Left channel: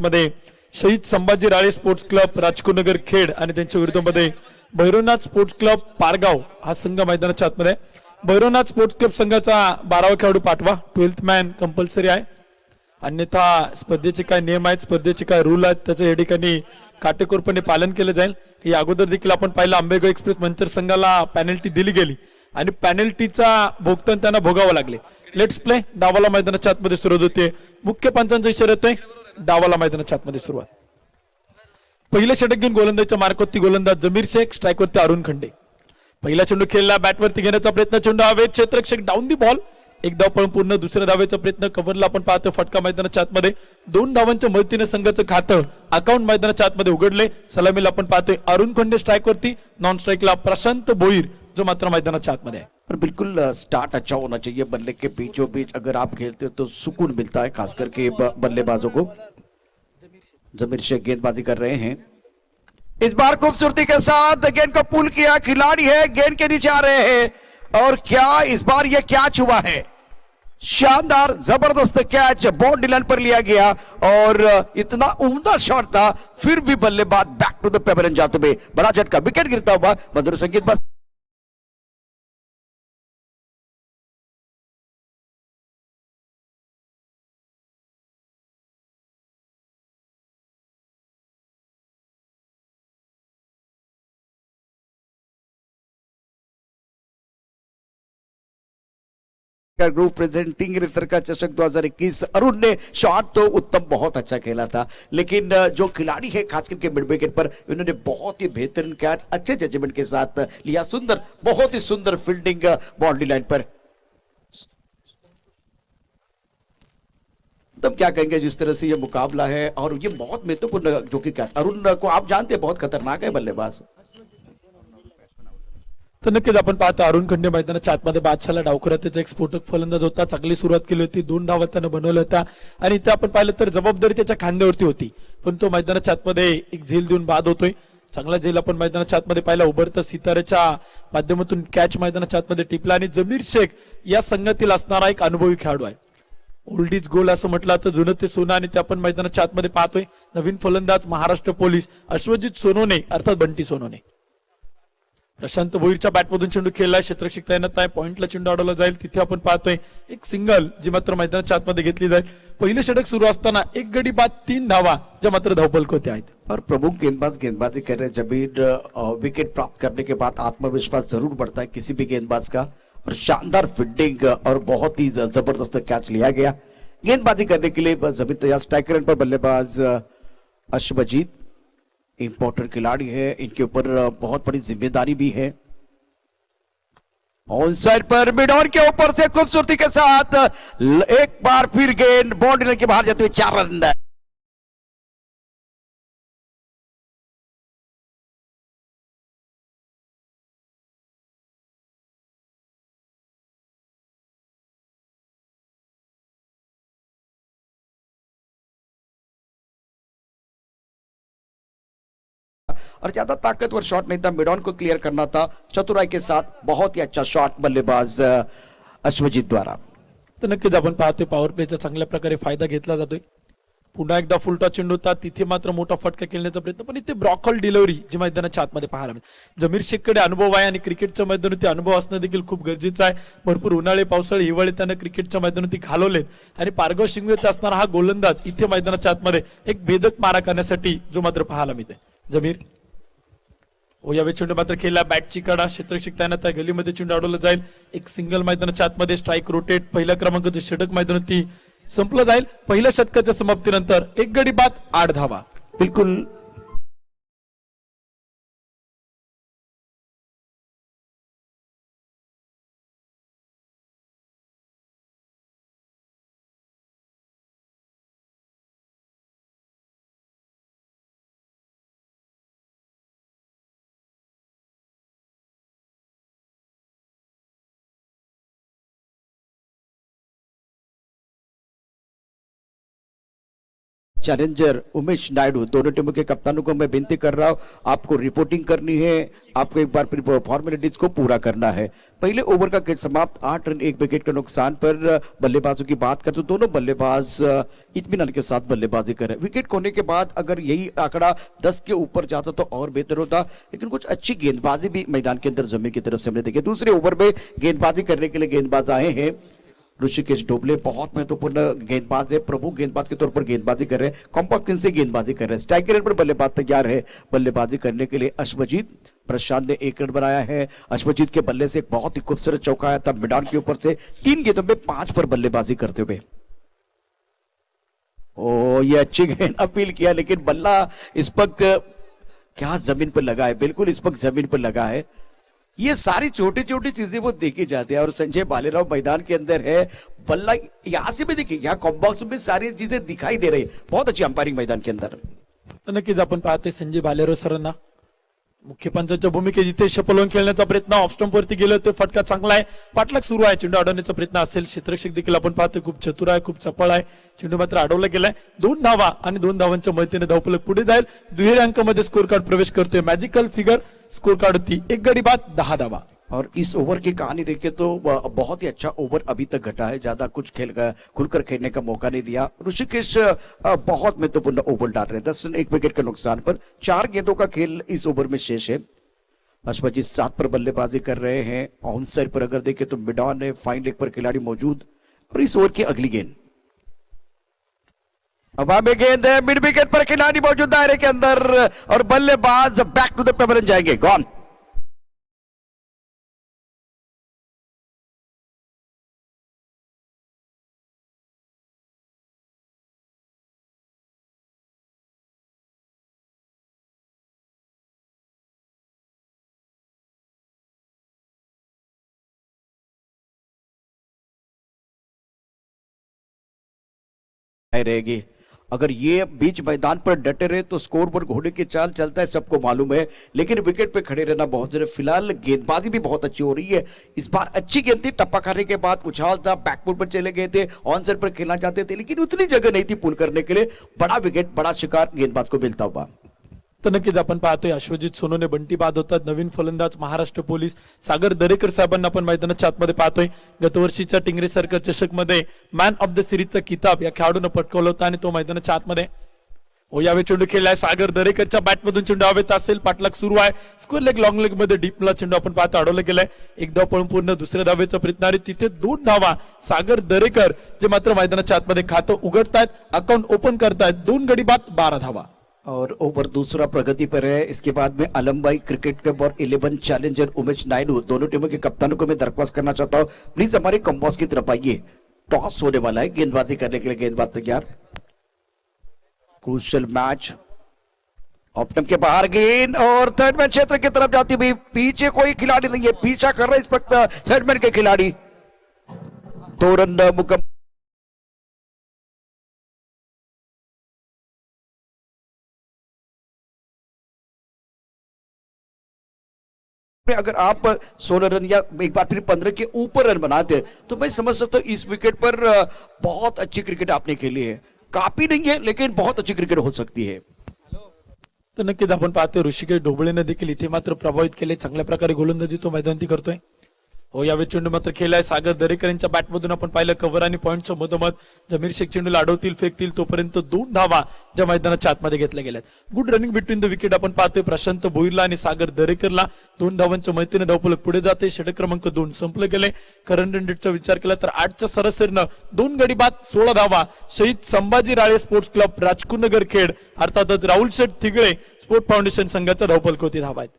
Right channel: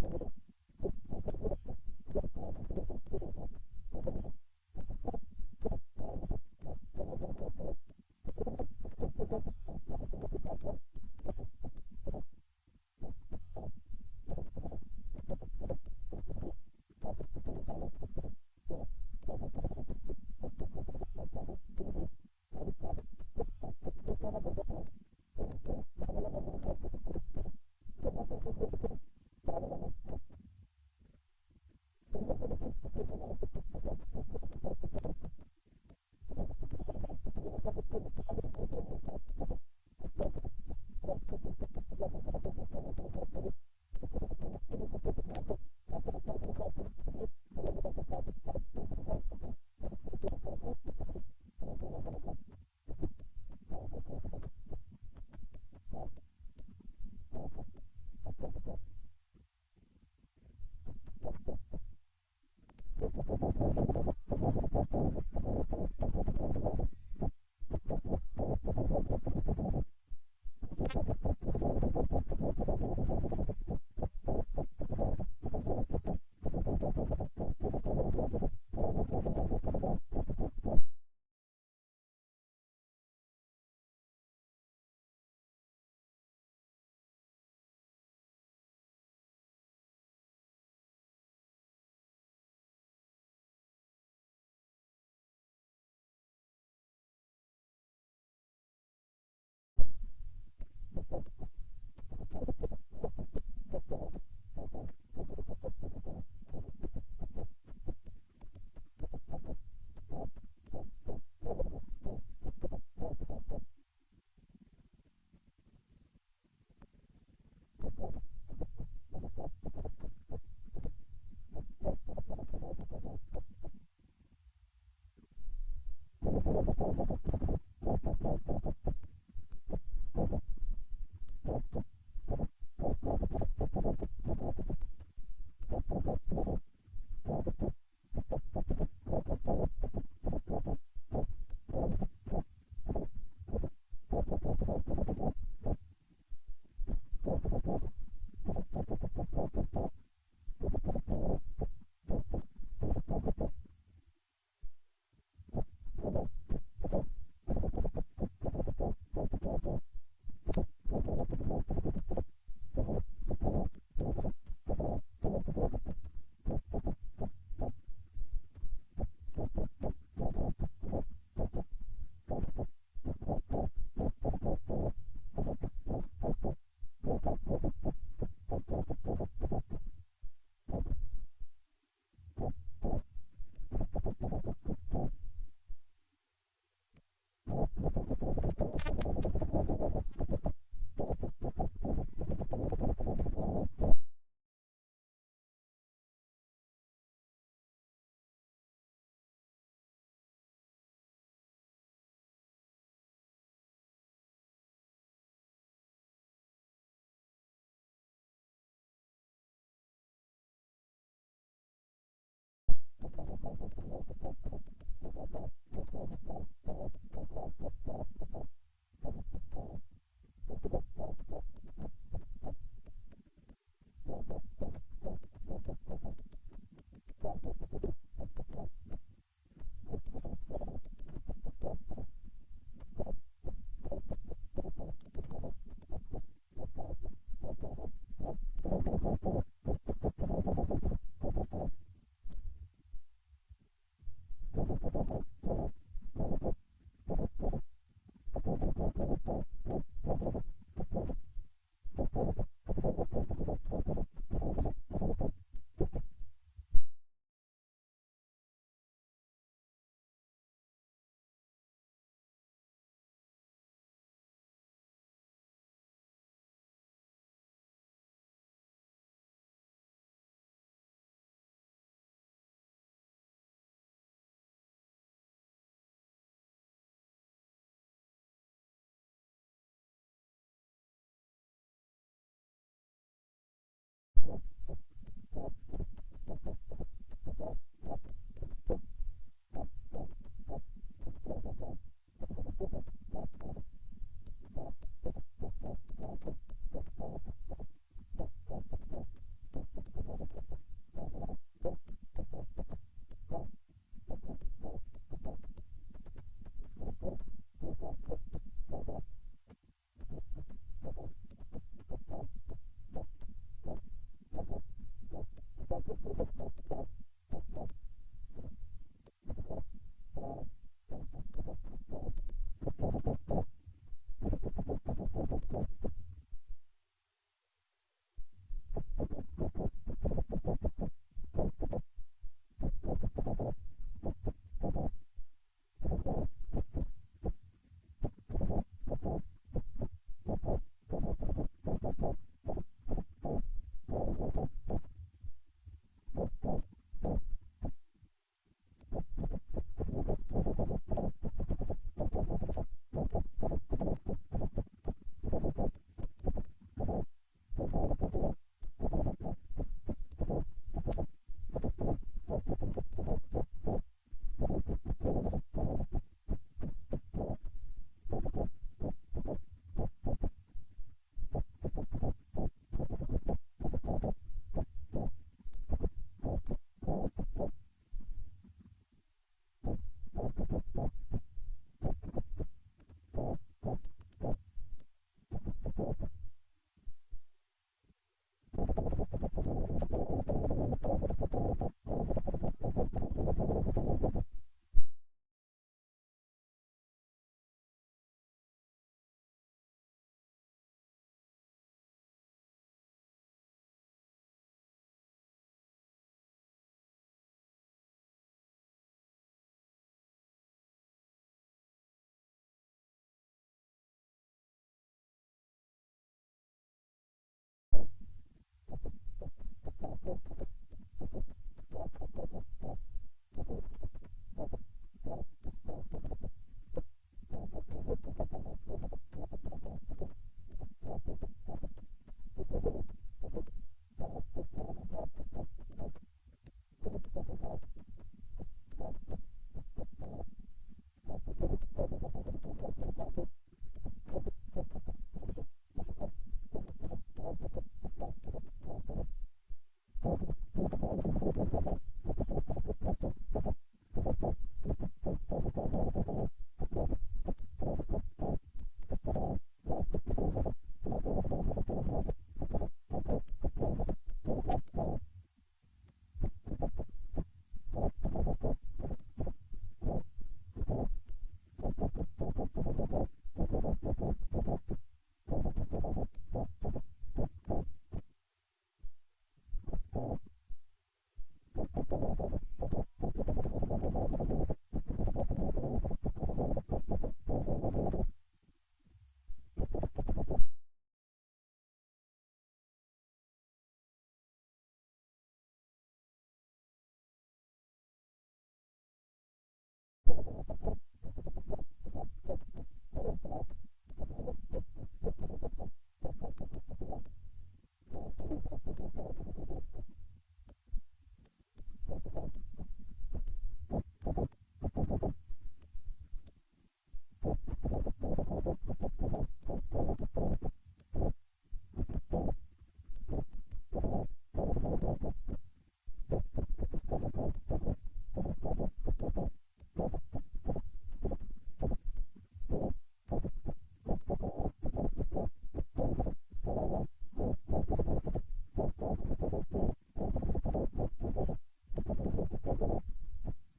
मध्ये शहीद संभाजी राळे sports club राजकुनगर Khed आणि त्यांच्या विरुद्धमध्ये भैरवनाथ स्पोर्ट्स क्लब पारगाव हा संघ मैदानाच्या आतमध्ये भैरवनाथ स्पोर्ट्स क्लब संघाचा 12वा खेळाडू पाठवा 12th मॅन कंपल्सरी आहे अन्यथा स्पर्धेचे काय नियम आहेत स्पर्धेचे काय रूल आहेत त्याचे या ठिकाणी काटेकोरपणे पालन केले जाईल ही अगोदर देखील आपण पाहिलं आंबेगाव एक्सप्रेस मंचर संघाला पेनल्टी दिली गेली आणि पेनल्टीचा भोगतान त्यांना भोगावं लागले लेट्स प्ले डावाला मैदानाच्या आतमध्ये सुरुवात होते मुख्य पंचांचा इशारा येतोय डावाला मैदानाच्या आतमध्ये सुरुवात पहिलं षटक घेऊन गोलंदाजच्या मार्कवरती गोलंदाज जमीर शेख स्ट्राईकवरती अरुण खंडे पहिला चेंडू खेळला बॅटवरती घेण्याचा प्रयत्न चेंडू हवेत क्षेत्ररक्षक डाऊन दी बॉल एक धाव पळून पूर्ण दुसऱ्या धावेचा प्रयत्न कव्हरला आपण पाहतो फटका मैदानाच्या आतमध्ये 2 धावांच्या मदतीने संघाचं खातं अकाउंट मैदानाच्या आतमध्ये उघडले सलामीला आपण पाहतोय अरुण खंडे स्ट्राईकवरती नॉन स्ट्राईकला प्रशांत भोईर जो मात्र मैदानाच्या आतमध्ये आहे पर बिल्कुल स्टार्ट अच्छा होना चाहिए बल्ले के बीचों बीच अगर आप खेलते हो तो सुकून मिलता है खास करके बल्लेबाजों को जमीर शेख गेंदबाजी कर रहे हैं इस बार खूबसूरती के साथ गेंद को पुल किया खिलाड़ी है गेंद के नीचे आ रहे हैं और क्या इस बार ये कैच हुआ है शानदार जबरदस्त कैच बाउंड्री लाइन पर लिया गया और इतना उम्दा शॉट था फिर भी बल्लेबाज बैक टू द पेबल जाते हुए बड़ा झटका विकेट गिरता हुआ मधुर संगीत बस ग्रुप प्रेजेंटिंग रितर चषक 2021 अरुण ने शॉट तो उत्तम बहुत अच्छा खेला था लेकिन जो खिलाड़ी है खास करके मिड विकेट पर इन्होंने बहुत ही बेहतरीन कैच अच्छे जजमेंट के साथ लिया सुंदर बहुत ही सुंदर फील्डिंग बाउंड्री लाइन पर तब क्या कहेंगे जिस तरह से ये मुकाबला है और ये बहुत महत्वपूर्ण जो कि कैच अरुण को आप जानते हैं बहुत खतरनाक है बल्लेबाज तर नक्कीच आपण पाहतो अरुण खंडे मैदानाच्या आतमध्ये बादशाला डावखुरात त्याचा एक स्फोटक फलंदाज होता चांगली सुरुवात केली होती 2 धावा त्यानं बनवल्या होत्या आणि इथे आपण पाहिलं तर जबाबदारी त्याच्या खांद्यावरती होती पण तो मैदानाच्या आतमध्ये एक झेल देऊन बाद होतोय चांगला झेल आपण मैदानाच्या आतमध्ये पाहिला उभरता सितारेच्या माध्यमातून कॅच मैदानाच्या आतमध्ये टिपला आणि जमीर शेख या संघातील असणारा एक अनुभवी खेळाडू आहे ओल्ड इज गोल्ड असं म्हटलं तर जुनं ते सोनं आणि ते आपण मैदानाच्या आतमध्ये पाहतोय नवीन फलंदाज महाराष्ट्र पोलीस अश्वजित सोनोने अर्थात बंटी सोनोने प्रशांत भोईरच्या बॅटमधून चेंडू खेळला क्षेत्ररक्षक तैनात आहे पॉइंटला चेंडू अडवला जाईल तिथे आपण पाहतोय एक सिंगल जी मात्र मैदानाच्या आतमध्ये घेतली जाईल पहिलं षटक सुरू असताना एक गडी बाद 3 धावा ज्या मात्र धावफलक होते आहेत और प्रमुख गेंदबाज गेंदबाजी कर रहे जमीर विकेट प्राप्त करने के बाद आत्मविश्वास जरूर बढ़ता है किसी भी गेंदबाज का और शानदार फील्डिंग और बहुत ही जबरदस्त कैच लिया गया गेंदबाजी करने के लिए जमीर तैयार स्ट्राइकर पर बल्लेबाज अश्वजीत इंपॉर्टेंट खिलाड़ी है इनके ऊपर बहुत बड़ी जिम्मेदारी भी है ऑन साइड पर मिड ऑन के ऊपर से खूबसूरती के साथ एक बार फिर गेंद बाउंड्री के बाहर जाते हुए 4 रन और ज्यादा ताकतवर शॉट नहीं था मिड ऑन को क्लियर करना था चतुराई के साथ बहुत ही अच्छा शॉट बल्लेबाज अश्वजीत द्वारा तर नक्कीच आपण पाहतोय पॉवर प्लेचा चांगल्या प्रकारे फायदा घेतला जातोय पुन्हा एकदा फुलटॉस चेंडू होता तिथे मात्र मोठा फटका खेळण्याचा प्रयत्न पण इथे ब्रॉकॉल डिलिव्हरी जी मैदानाच्या आतमध्ये पाहायला मिळते जमीर शेखकडे अनुभव आहे आणि क्रिकेटच्या मैदानावरती अनुभव असणं देखील खूप गरजेचं आहे भरपूर उन्हाळे पावसाळे हिवाळे त्यानं क्रिकेटच्या मैदानावरती घालवलेत आणि पारगाव शिंगवेचा असणारा हा गोलंदाज इथे मैदानाच्या आतमध्ये एक भेदक मारा करण्यासाठी जो मात्र पाहायला मिळते जमीर यावेळी चेंडू मात्र खेळला बॅटची कडा क्षेत्ररक्षक तैनात आहे गलीमध्ये चेंडू अडवला जाईल एक सिंगल मैदानाच्या आतमध्ये स्ट्राईक रोटेट पहिल्या क्रमांकाचं षटक मैदानावरती संपलं जाईल पहिल्या षटकाच्या समाप्तीनंतर एक गडी बाद 8 धावा बिल्कुल चैलेंजर उमेश नायडू, दोनों टीमों के कप्तानों को मैं विनती कर रहा हूं, आपको रिपोर्टिंग करनी है, आपको एक बार फिर फॉर्मेलिटीज को पूरा करना है। पहले ओवर का खेल समाप्त, 8 रन 1 विकेट के नुकसान पर। बल्लेबाजों की बात करें तो दोनों बल्लेबाज इत्मीनान के साथ बल्लेबाजी कर रहे हैं। विकेट खोने के बाद अगर यही आंकड़ा 10 के ऊपर जाता तो और बेहतर होता, लेकिन कुछ अच्छी गेंदबाजी भी मैदान के अंदर जमीन की तरफ से हमने देखी। दूसरे ओवर में गेंदबाजी करने के लिए गेंदबाज आए हैं ऋषिकेश ढोबले, बहुत महत्वपूर्ण गेंदबाज है, प्रमुख गेंदबाज के तौर पर गेंदबाजी कर रहे हैं, कॉम्पैक्ट से गेंदबाजी कर रहे हैं। स्ट्राइक रेट पर बल्लेबाज तैयार है बल्लेबाजी करने के लिए। अश्वजीत प्रशांत ने 1 रन बनाया है। अश्वजीत के बल्ले से एक बहुत ही खूबसूरत चौका आया था मैदान के ऊपर से, 3 गेंदों में 5 पर बल्लेबाजी करते हुए। ओ, ये अच्छी गेंद अपील किया, लेकिन बल्ला इस वक्त क्या जमीन पर लगा है, बिल्कुल इस वक्त जमीन पर लगा है। ये सारी छोटी छोटी चीजें वो देखी जाती है। और संजय भालेराव मैदान के अंदर है, बल्ला यहां से भी देखिए, यहाँ कॉम्बॉक्स में सारी चीजें दिखाई दे रही है। बहुत अच्छी अंपायरिंग मैदान के अंदर। तर नक्कीच आपण पाहतोय संजय भालेराव सरांना मुख्य पंचाच्या भूमिकेत इथे शपलवून खेळण्याचा प्रयत्न, ऑफ स्टंप वरती गेलं ते फटका चांगला आहे, पाठलाग सुरू आहे, चेंडू अडवण्याचा प्रयत्न असेल, क्षेत्ररक्षक देखील आपण पाहतोय खूप चतुर आहे, खूप चपळ आहे, चेंडू मात्र अडवला गेलाय। 2 धावा आणि 2 धावांच्या मदतीने धावफलक पुढे जाईल, दुहेरी अंकामध्ये स्कोर कार्ड प्रवेश करतोय, मॅजिकल फिगर स्कोर कार्ड होती 1 गडी बाद 10 धावा। और इस ओवर की कहानी देखें तो बहुत ही अच्छा ओवर अभी तक घटा है, ज्यादा कुछ खुलकर खेलने का मौका नहीं दिया। ऋषिकेश बहुत महत्वपूर्ण ओवर डाल रहे हैं, 10 रन 1 विकेट के नुकसान पर। 4 गेंदों का खेल इस ओवर में शेष है। अश्वजीत 7 पर बल्लेबाजी कर रहे हैं। ऑन साइड पर अगर देखें तो मिडॉन है, फाइन लेग पर खिलाड़ी मौजूद। और इस ओवर की अगली गेंद, हवा में गेंद है, मिड विकेट पर खिलाड़ी मौजूद दायरे के अंदर, और बल्लेबाज बैक टू द पेवर जाएंगे, गॉन। रहेगी। अगर ये बीच मैदान पर डटे रहे तो स्कोर पर घोड़े की चाल चलता है, सबको मालूम है, लेकिन विकेट पे खड़े रहना बहुत जरूरी। फिलहाल गेंदबाजी भी बहुत अच्छी हो रही है। इस बार अच्छी गेंद थी, टप्पा खाने के बाद उछाल था, बैकफुट पर चले गए थे, ऑन साइड पर खेलना चाहते थे, लेकिन उतनी जगह नहीं थी पुल करने के लिए। बड़ा विकेट, बड़ा शिकार गेंदबाज को मिलता हुआ। तर नक्कीच आपण पाहतोय अश्वजित सोनूने बंटी बाद होतात, नवीन फलंदाज महाराष्ट्र पोलीस सागर दरेकर साहेबांना आपण मैदानाच्या आतमध्ये पाहतोय। गतवर्षीच्या टिंगरे सर्कल चषक मध्ये मॅन ऑफ द सिरीजचा किताब या खेळाडूने पटकावला होता आणि तो मैदानाच्या आतमध्ये यावेळी चेंडू खेळलाय सागर दरेकरच्या बॅटमधून चेंडू हवेत असेल, पाठलाग सुरू आहे, स्क्वेअर लेग लॉंग लेग मध्ये डीपला चेंडू आपण पाहतो अडवला गेलाय। एक धाव पळून पूर्ण दुसऱ्या धावेचा प्रयत्न आहे, तिथे 2 धावा सागर दरेकर जे मात्र मैदानाच्या आतमध्ये खातं उघडतायत, अकाउंट ओपन करतायत, 2 गडी बाद 12 धावा। और ओवर दूसरा प्रगति पर है। इसके बाद में अलमबाई क्रिकेट क्लब और 11 चैलेंजर उमेश नायडू, दोनों टीमों के कप्तानों को मैं दरख्वास्त करना चाहता हूं, प्लीज हमारे कंपास की तरफ आइए। टॉस होने वाला है, गेंदबाजी करने के लिए गेंदबाज तैयार। क्रूशियल मैच, ऑप्टम के बाहर गेंद और थर्ड मैन क्षेत्र की तरफ जाती हुई, पीछे कोई खिलाड़ी नहीं है, पीछा कर रहे इस वक्त थर्ड मैन के खिलाड़ी। 2 रन मुकम्मल। अगर आप 16 रन या एक बार फिर 15 के ऊपर रन बनाते तो मैं समझ सकता हूं इस विकेट पर बहुत अच्छी क्रिकेट आपने खेली है। काफी नहीं है, लेकिन बहुत अच्छी क्रिकेट हो सकती है। तर नक्कीच आपण पाहतोय ऋषिकेश ढोबळेने देखील इथे मात्र प्रभावित केले, चांगल्या प्रकारे गोलंदाजी तो मैदानी करतोय। यावेळी चेंडू मात्र खेळलाय सागर दरेकर यांच्या बॅटमधून आपण पाहिलं कव्हर आणि पॉईंटच्या मधोमध जमीर शेख चेंडूला अडवतील, फेकतील, तोपर्यंत 2 धावा ज्या मैदानाच्या आतमध्ये घेतल्या गेल्यात। Good running between the wicket आपण पाहतोय, प्रशांत भोईरला आणि सागर दरेकरला 2 धावांच्या मदतीने धावफलक पुढे जाते। षटक क्रमांक 2 संपले गेले। करंट रन रेटचा विचार केला तर 8च्या सरासरीनं 2 गडी बाद 16 धावा शहीद संभाजी राळे स्पोर्ट्स क्लब राजकुनगर खेड अर्थातच राहुल शेठ थिगळे स्पोर्ट फाउंडेशन संघाचा धावफलक होती धावा आहेत।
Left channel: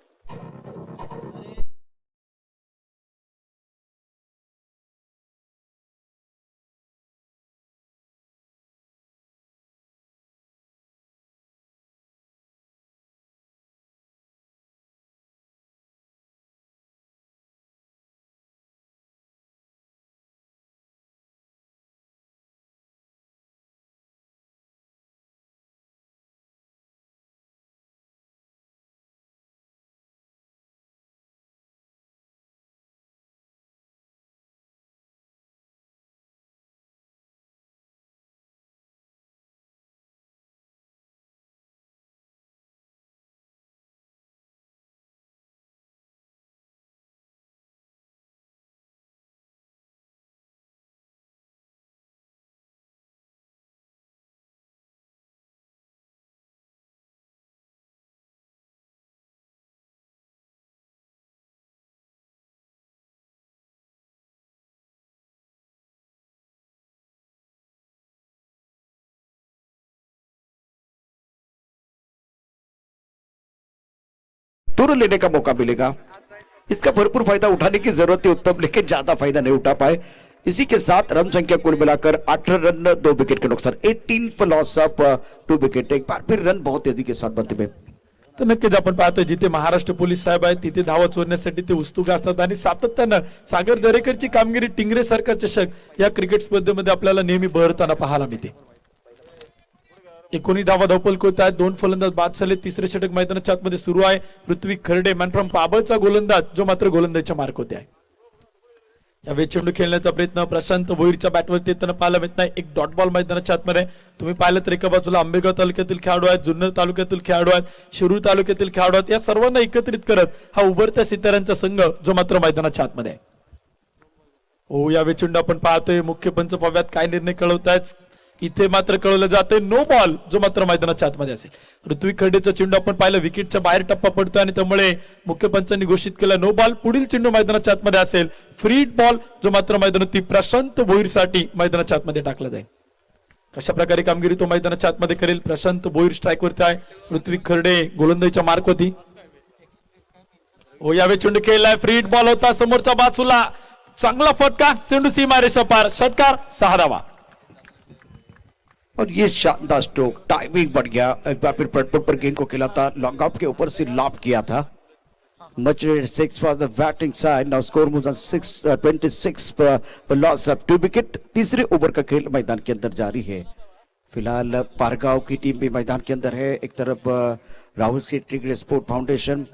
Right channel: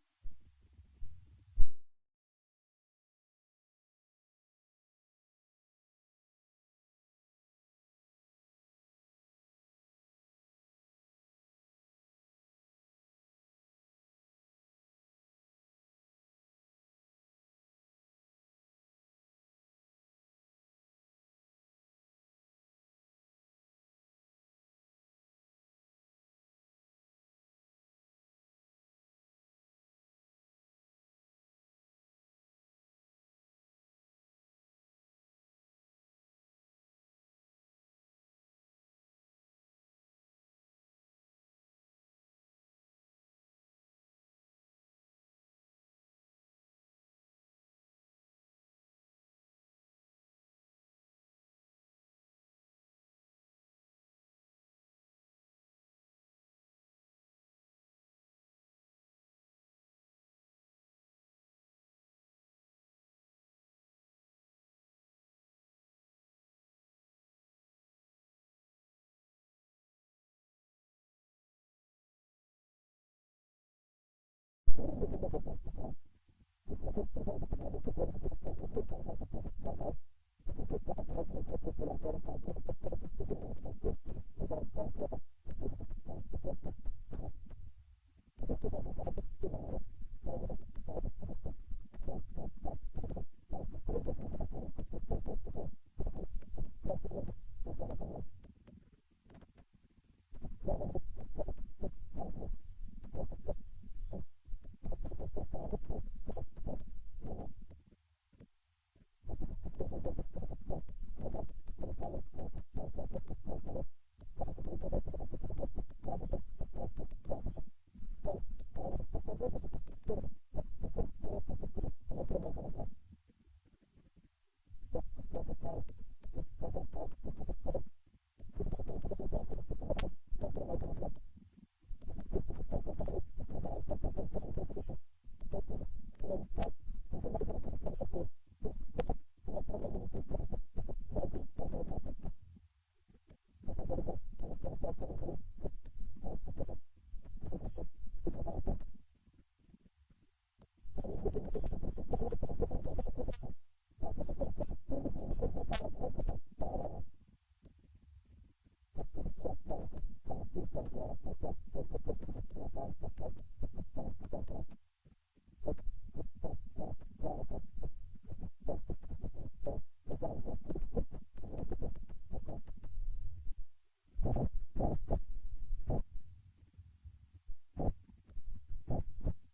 तुरंत लेने का मौका मिलेगा। इसका भरपूर फायदा उठाने की जरूरत है उत्तम, लेकिन ज्यादा फायदा नहीं उठा पाए। इसी के साथ रन संख्या कुल मिलाकर 18 रन 2 विकेट के नुकसान, 18 पर लॉस ऑफ 2 विकेट। एक बार फिर रन बहुत तेजी के साथ बनते हुए। तर नक्कीच आपण पाहतोय जिथे महाराष्ट्र पोलीस साहेब आहेत तिथे धावा चोरण्यासाठी ते उत्सुक असतात आणि सातत्यानं सागर दरेकरची कामगिरी टिंगरे सरकार चषक या क्रिकेट स्पर्धेमध्ये आपल्याला नेहमी बहरताना पाहायला मिळते। 19 धावा धावपल होत आहेत, 2 फलंदाज बाद झाले, तिसरे षटक मैदानाच्या आतमध्ये सुरू आहे। पृथ्वी खर्डे मॅन फ्रॉम पाबळचा गोलंदाज जो मात्र गोलंदाजीच्या मार्क होते आहे। या चेंडू खेळण्याचा प्रयत्न प्रशांत भोईरच्या बॅटवरती येताना पाहायला मिळत नाही। एक डॉट बॉल मैदानाच्या आतमध्ये तुम्ही पाहिलं तर एका बाजूला आंबेगाव तालुक्यातील खेळाडू आहेत, जुन्नर तालुक्यातील खेळाडू आहेत, शिरूर तालुक्यातील खेळाडू आहेत, या सर्वांना एकत्रित करत हा उभरत्या सिताऱ्यांचा संघ जो मात्र मैदानाच्या आतमध्ये आहे। हो, या चेंडू आपण पाहतोय मुख्य पंच पव्यात काय निर्णय कळवतायत, इथे मात्र कळवलं जाते नो बॉल जो मात्र मैदानाच्या आतमध्ये असेल। पृथ्वी खर्डेचा चेंडू आपण पाहिलं विकेटच्या बाहेर टप्पा पडतोय आणि त्यामुळे मुख्य पंचांनी घोषित केलं नो बॉल। पुढील चेंडू मैदानाच्या आतमध्ये असेल फ्री बॉल जो मात्र मैदानातील प्रशांत भोईरसाठी मैदानाच्या आतमध्ये टाकला जाईल। कशा प्रकारे कामगिरी तो मैदानाच्या आतमध्ये करेल, प्रशांत भोईर स्ट्राईक वरती आहे, पृथ्वी खर्डे गोलंदाजीच्या मार्क होती। हो, यावे चेंडू खेळलाय, फ्री बॉल होता समोरच्या बाजूला, चांगला फटका, चेंडू सीमारेषा पार, षटकार, 6 धावा। और ये शानदार स्ट्रोक, टाइमिंग बढ़ गया। एक बार फिर फ्रंट पर गेंद को खेला था, लॉन्ग ऑफ के ऊपर से लॉप किया था। Much 6 for the batting side, now score moves on 26 per loss of 2 wicket. तीसरे ओवर का खेल मैदान के अंदर जारी है। फिलहाल पारगांव की टीम भी मैदान के अंदर है। एक तरफ Rahul C Tingre sport foundation.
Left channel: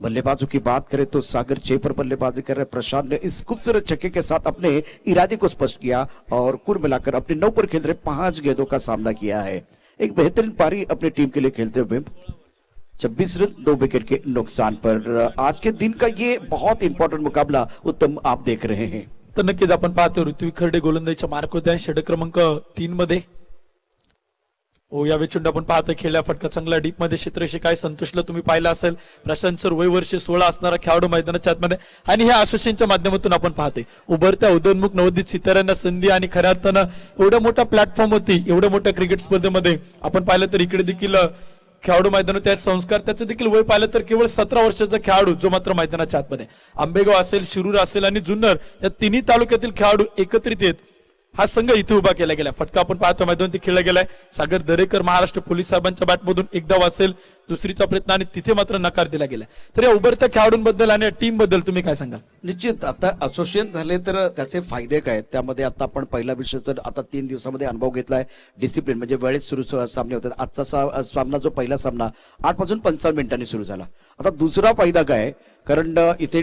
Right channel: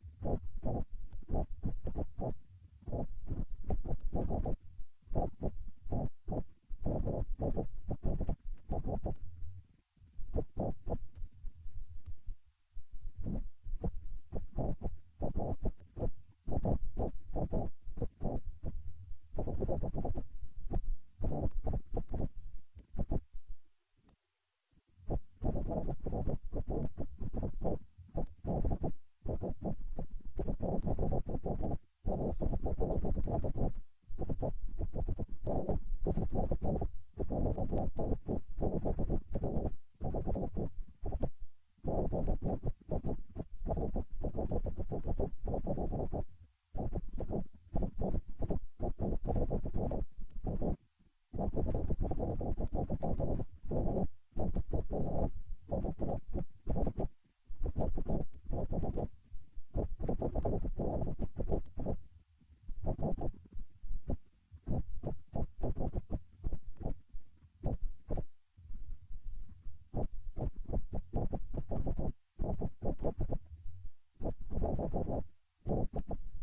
बल्लेबाजों की बात करें तो सागर 6 पर बल्लेबाजी कर रहे प्रशांत ने इस खूबसूरत छक्के के साथ अपने इरादे को स्पष्ट किया और कुल मिलाकर अपने 9 पर खेल रहे 5 गेंदों का सामना किया है। एक बेहतरीन पारी अपनी टीम के लिए खेलते हुए 26 रन 2 विकेट के नुकसान पर आज के दिन का ये बहुत इंपॉर्टेंट मुकाबला उत्तम आप देख रहे हैं। तर नक्कीच आपण पाहतो पृथ्वी खर्डे गोलंदाजीच्या मार्क होते आहे षटक क्रमांक 3 मध्ये। हो, या चेंडू आपण पाहतोय खेळल्या फटका चांगला डीप मध्ये क्षेत्रशी काय संतोषला तुम्ही पाहिलं असेल। प्रशांत सर वय वर्ष 16 असणारा खेळाडू मैदानाच्या आतमध्ये आणि ह्या असोसिएशनच्या माध्यमातून आपण पाहतोय उभरत्या उदयोन्मुख नवोदित सिताऱ्यांना संधी आणि खऱ्या अर्थानं एवढ्या मोठ्या प्लॅटफॉर्म होती, एवढ्या मोठ्या क्रिकेट स्पर्धेमध्ये आपण पाहिलं तर इकडे देखील खेळाडू मैदानात त्या संस्कार त्याचं देखील वय पाहिलं तर केवळ 17 वर्षाचा खेळाडू जो मात्र मैदानाच्या आतमध्ये। आंबेगाव असेल, शिरूर असेल आणि जुन्नर या तिन्ही तालुक्यातील खेळाडू एकत्रित येत हा संघ इथे उभा केला गेला। फटका आपण पाहतो मैदानात खेळला गेलाय। सागर दरेकर महाराष्ट्र पोलीस साहेबांच्या बॅटमधून एक धाव असेल, दुसरीचा प्रयत्न आणि तिथे मात्र नकार दिला गेला। तर या उभरत्या खेळाडूंबद्दल आणि टीम बद्दल तुम्ही काय सांगाल? निश्चित आता असोसिएशन झाले तर त्याचे फायदे काय, त्यामध्ये आता आपण पहिला विषय तर आता 3 दिवसामध्ये अनुभव घेतलाय। डिसिप्लिन म्हणजे वेळेत सुरू सामने होतात। आजचा सामना जो पहिला सामना 8 वाजून 55 मिनिटांनी सुरू झाला। आता दुसरा फायदा काय, कारण इथे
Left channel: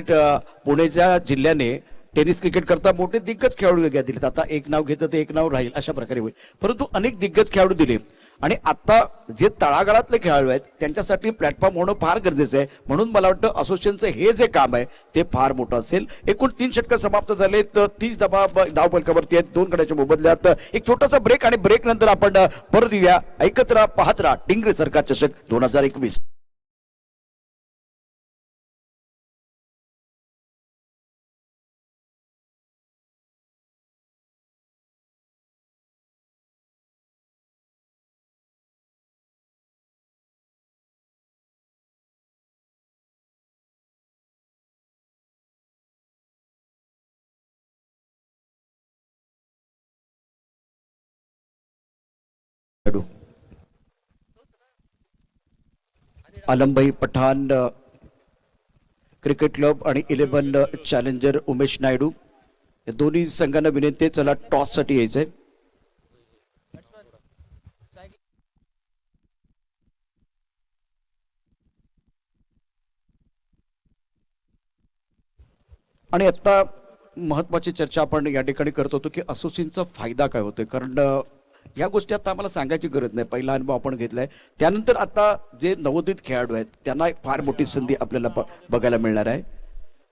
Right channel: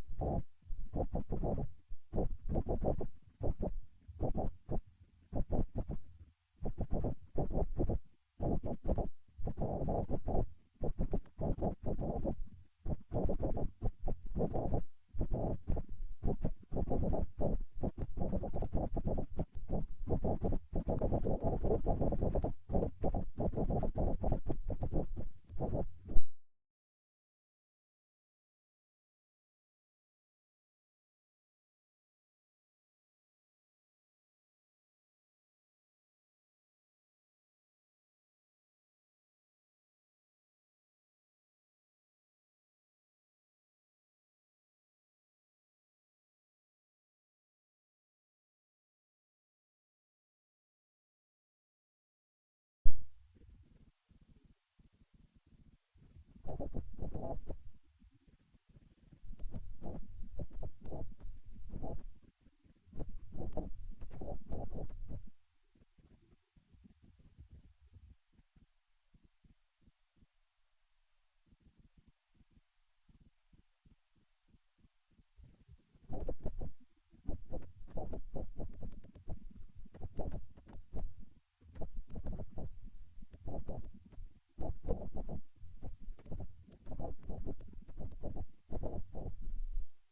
पुण्याच्या जिल्ह्याने टेनिस क्रिकेट करता मोठे दिग्गज खेळाडू दिलेत। आता एक नाव घेतलं तर एक नाव राहील अशा प्रकारे होईल, परंतु अनेक दिग्गज खेळाडू दिले आणि आता जे तळागाळातले खेळाडू आहेत त्यांच्यासाठी प्लॅटफॉर्म होणं फार गरजेचं आहे। म्हणून मला वाटतं असोसिएशनचं हे जे काम आहे ते फार मोठं असेल। एकूण 3 षटकं समाप्त झाले, 30 धाव फलकावरती आहेत, 2 गड्याच्या मोबदल्यात एक छोटासा ब्रेक आणि ब्रेक नंतर आपण परत येऊया। ऐकत राहा, पाहत राहा टिंगरे सरकार चषक 2021। आलमभाई पठाण क्रिकेट क्लब आणि 11 चॅलेंजर उमेश नायडू या दोन्ही संघांना विनंती, चला टॉस साठी यायचंय। आणि आता महत्वाची चर्चा आपण या ठिकाणी करत होतो की असोसिएशनचा फायदा काय होतोय, कारण या गोष्टी आता आम्हाला सांगायची गरज नाही, पहिला अनुभव आपण घेतलाय। त्यानंतर आता जे नवोदित खेळाडू आहेत त्यांना एक फार मोठी संधी आपल्याला बघायला मिळणार आहे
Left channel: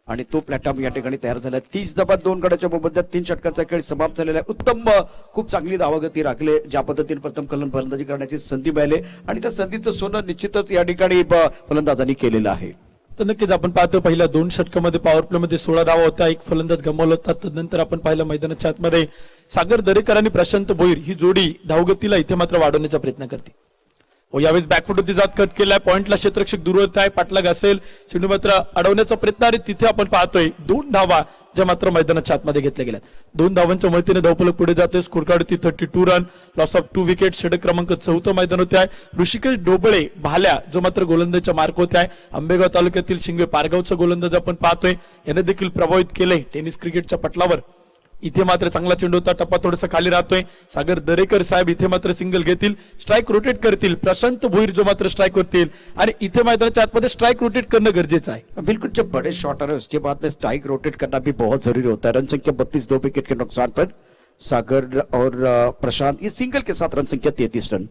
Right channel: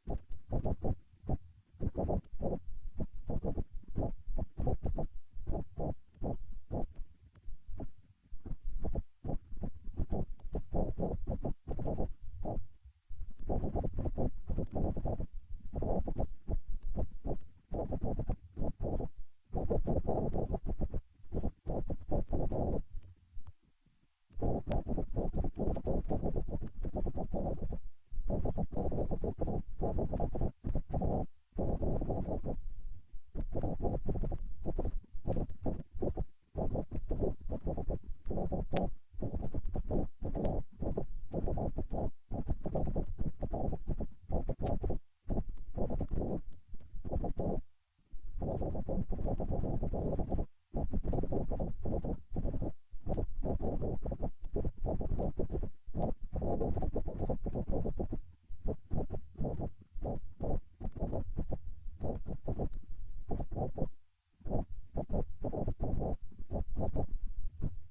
आणि तो प्लॅटफॉर्म या ठिकाणी तयार झाला। 30 धावा 2 गड्याच्या मोबदल्यात 3 षटकांचा खेळ समाप्त झालेला आहे। उत्तम खूप चांगली धावगती राखले, ज्या पद्धतीने प्रथम फलंदाजी करण्याची संधी मिळाली आणि त्या संधीचं सोनं निश्चितच या ठिकाणी फलंदाजांनी केलेलं आहे। तर नक्कीच आपण पाहतो पहिल्या 2 षटकामध्ये पॉवर प्ले मध्ये 16 धावा होत्या, एक फलंदाज गमावला होता। तदनंतर आपण पाहिलं मैदानाच्या आतमध्ये सागर दरेकर आणि प्रशांत भोईर ही जोडी धावगतीला इथे मात्र वाढवण्याचा प्रयत्न करते। व यावेळेस बॅकफुट होती जात कट केलाय, पॉइंटला क्षेत्ररक्षक दूर होत आहे, पाठलाग असेल, चेंडू मात्र अडवण्याचा प्रयत्न आणि तिथे आपण पाहतोय 2 धावा ज्या मात्र मैदानाच्या आतमध्ये घेतल्या गेल्या. 2 धावांच्या मदतीने धावफलक पुढे जाते. Score card 32 run, loss of 2 wicket. षटक क्रमांक 4 मैदान होते आहे. ऋषिकेश डोबळे भाल्या जो मात्र गोलंदाजच्या मार्क होते आहे. आंबेगाव तालुक्यातील शिंगे पारगावचा गोलंदाज आपण पाहतोय, याने देखील प्रभावित केले टेनिस क्रिकेटच्या पटलावर. इथे मात्र चांगला चेंडू होता, टप्पा थोडासा खाली राहतोय. सागर दरेकर साहेब इथे मात्र सिंगल घेतील, स्ट्राइक रोटेट करतील. प्रशांत भोईर जो मात्र स्ट्राइक करतील आणि इथे मैदानाच्या आतमध्ये स्ट्राइक रोटेट करणं गरजेचं आहे. बिल्कुल, जब बड़े शॉट आ रहे हैं उसके बाद में स्ट्राइक रोटेट करना भी बहुत जरूरी होता है. रन संख्या 32, 2 विकेट के नुकसान पर सागर और प्रशांत ये सिंगल के साथ रन संख्या 33 रन.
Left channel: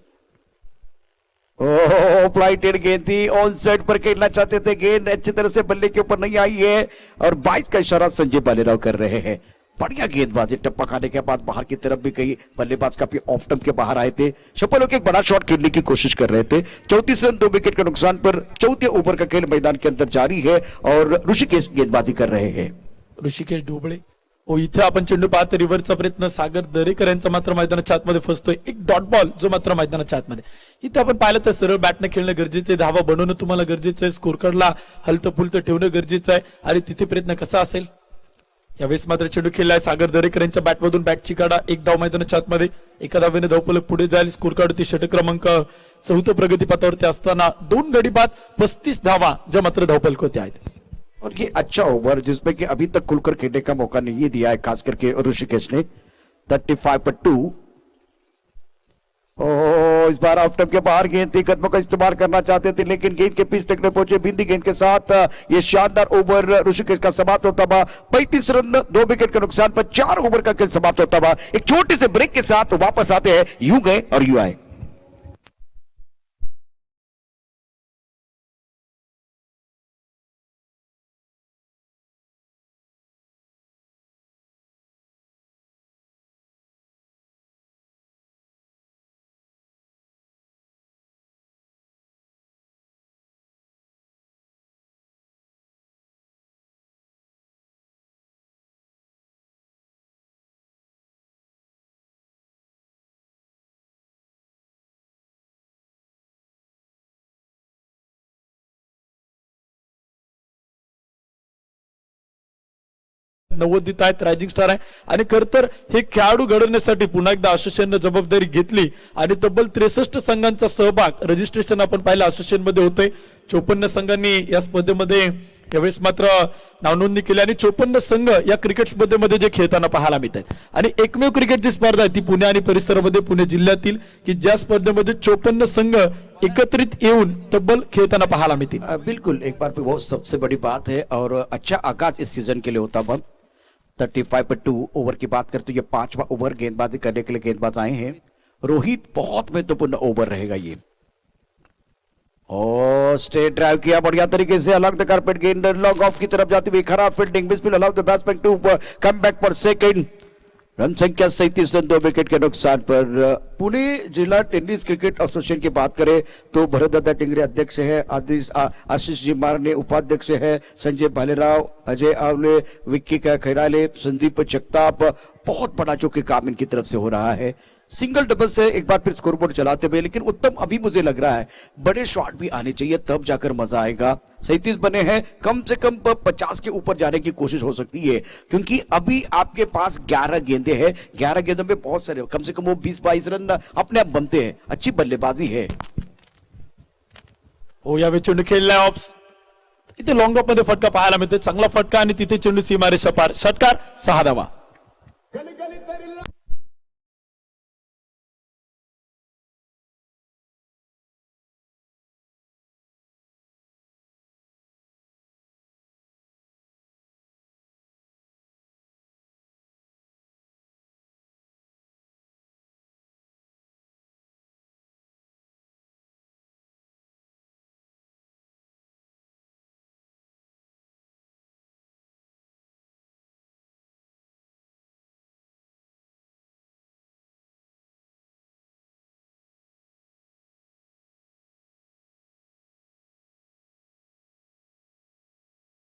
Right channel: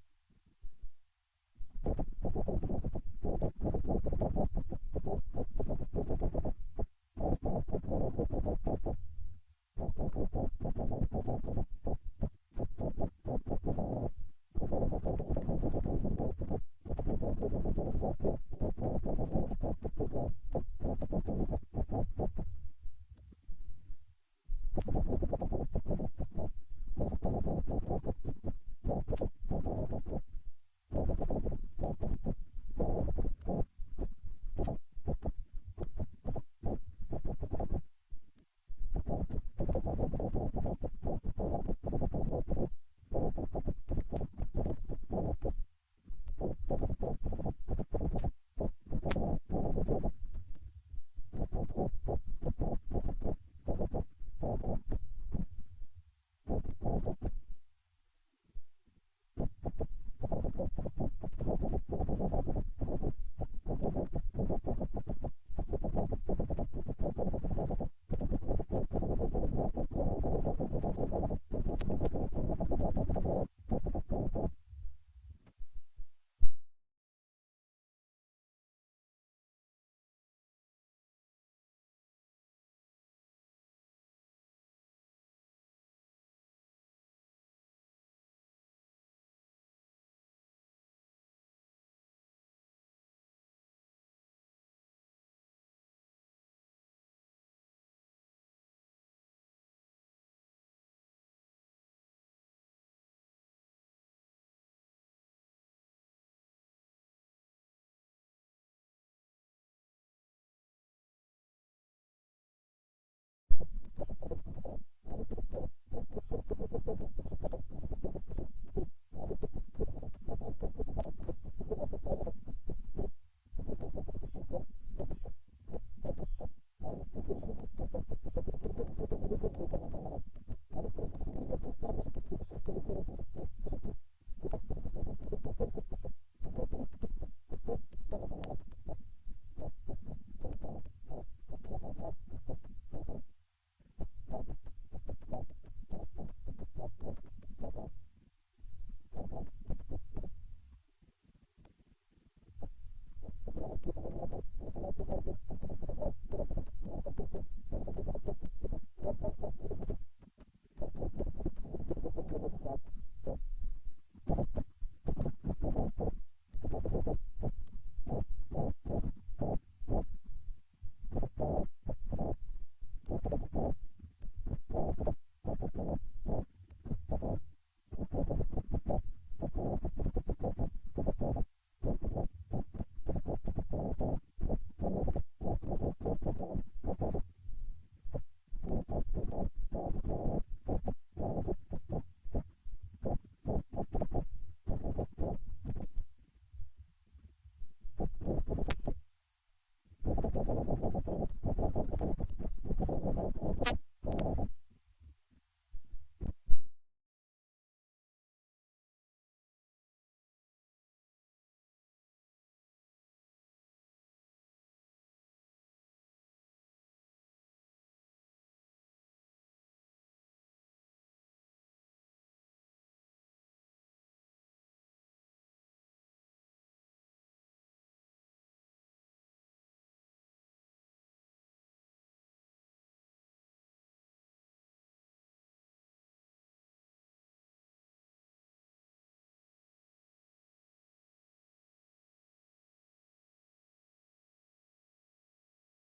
ओह, फ्लाइटेड गेंद थी, ऑन साइड पर खेलना चाहते थे, गेंद अच्छी तरह से बल्ले के ऊपर नहीं आई है और 22 का इशारा संजय बालेराव कर रहे हैं. बढ़िया गेंदबाजी, टप्पा खाने के बाद बाहर की तरफ भी कई बल्लेबाज काफी ऑफ टर्म के बाहर आए थे. सफल होकर एक बड़ा शॉट खेलने की कोशिश कर रहे थे. 34 रन 2 विकेट के नुकसान पर चौथे ओवर का खेल मैदान के अंदर जारी है और ऋषिकेश गेंदबाजी कर रहे हैं. ऋषिकेश ढोबळे ओ इथे आपण चेंडू पाहतो, रिव्हर्सचा प्रयत्न सागर दरेकर यांचा मात्र मैदानाच्या आतमध्ये फसतोय. एक डॉट बॉल जो मात्र मैदानाच्या आतमध्ये. इथे आपण पाहिलं तर सरळ बॅटने खेळणं गरजेचं आहे, धावा बनवणं तुम्हाला गरजेचं आहे, स्कोर कार्डला हलतं फुलतं ठेवणं गरजेचं आहे आणि तिथे प्रयत्न कसा असेल. यावेळेस मात्र चेंडू खेळलाय सागर दरेकर यांच्या बॅटमधून, बॅटची काढा, एक धाव मैदानाच्या आतमध्ये. एका धावेने धावफलक पुढे जाईल. स्कोर कार्ड होती षटक क्रमांक 4 प्रगतीपथावरती असताना 2 गडी बाद 35 धावा ज्या मात्र धावफलक होते आहेत. और ये अच्छा ओवर जिसमें कि अभी तक खुलकर खेलने का मौका नहीं दिया है, खास करके ऋषिकेश ने. 35 पर 2. ओ, इस बार ऑफ टर्म के बाहर गेंद थी, कदमों का इस्तेमाल करना चाहते थे लेकिन गेंद के पीछे तक पहुंचे. बिंदी गेंद के साथ ये शानदार ओवर ऋषिकेश का समाप्त होता हुआ. 35 रन 2 विकेट के नुकसान पर 4 ओवर का खेल समाप्त होता हुआ. एक छोटे से ब्रेक के साथ वापस आते हैं, यूं गए और यूं आए. नवोदित आहेत, रायझिंग स्टार आहे आणि खर तर हे खेळाडू घडवण्यासाठी पुन्हा एकदा असोसिएशनने जबाबदारी घेतली आणि तब्बल 63 संघांचा सहभाग रजिस्ट्रेशन आपण पाहिलं असोसिएशन मध्ये होते. 54 संघांनी या स्पर्धेमध्ये यावेळेस मात्र नावनोंदणी केली आणि 54 संघ या क्रिकेट स्पर्धेमध्ये जे खेळताना पाहायला मिळत आहेत. आणि एकमेव क्रिकेटची स्पर्धा आहे ती पुणे आणि परिसरामध्ये, पुणे जिल्ह्यातील, की ज्या स्पर्धेमध्ये 54 संघ एकत्रित येऊन तब्बल खेळताना पाहायला मिळतील. बिल्कुल, एक बार वो सबसे बड़ी बात है और अच्छा आगाज इस सीजन के लिए होता है. 35 पर 2 ओवर की बात करते, ये 5वां ओवर गेंदबाजी करने के लिए गेंदबाज आए हैं. रोहित, बहुत महत्वपूर्ण ओवर रहेगा ये. और स्ट्रेट ड्राइव किया बढ़िया तरीके से, अलग द कारपेट, गेंद लॉन्ग ऑफ की तरफ जाती हुई, खराब fielding, misfield, allow the batsman to come back for second. Run संख्या 37 रन 2 विकेट के नुकसान पर. पुणे जिला टेनिस क्रिकेट एसोसिएशन की बात करें तो भरतदादा टिंगरे अध्यक्ष है, आशीष जी मारने उपाध्यक्ष है, संजय भालेराव, अजय आवले, विक्की खैराले, संदीप जगताप. बहुत बड़ा जो कि काम इनकी तरफ से हो रहा है. सिंगल डबल से एक बार फिर स्कोरबोर्ड चलाते हुए, लेकिन उत्तम अभी मुझे लग रहा है बड़े शॉट भी आने चाहिए, तब जाकर मजा आएगा. 37 बने हैं, कम से कम 50 के ऊपर जाने की कोशिश हो सकती है क्योंकि अभी आपके पास 11 गेंदे हैं. 11 गेंदों में बहुत सारे, कम से कम वो 20-22 रन अपने आप बनते हैं. अच्छी बल्लेबाजी है. हो, यावेळी चेंडू खेळलाय ऑफ, इथे लॉंग ऑफ मध्ये फटका पाहायला मिळतोय, चांगला फटका आणि तिथे चेंडू सीमारेषा पार. षटकार 6 धावा.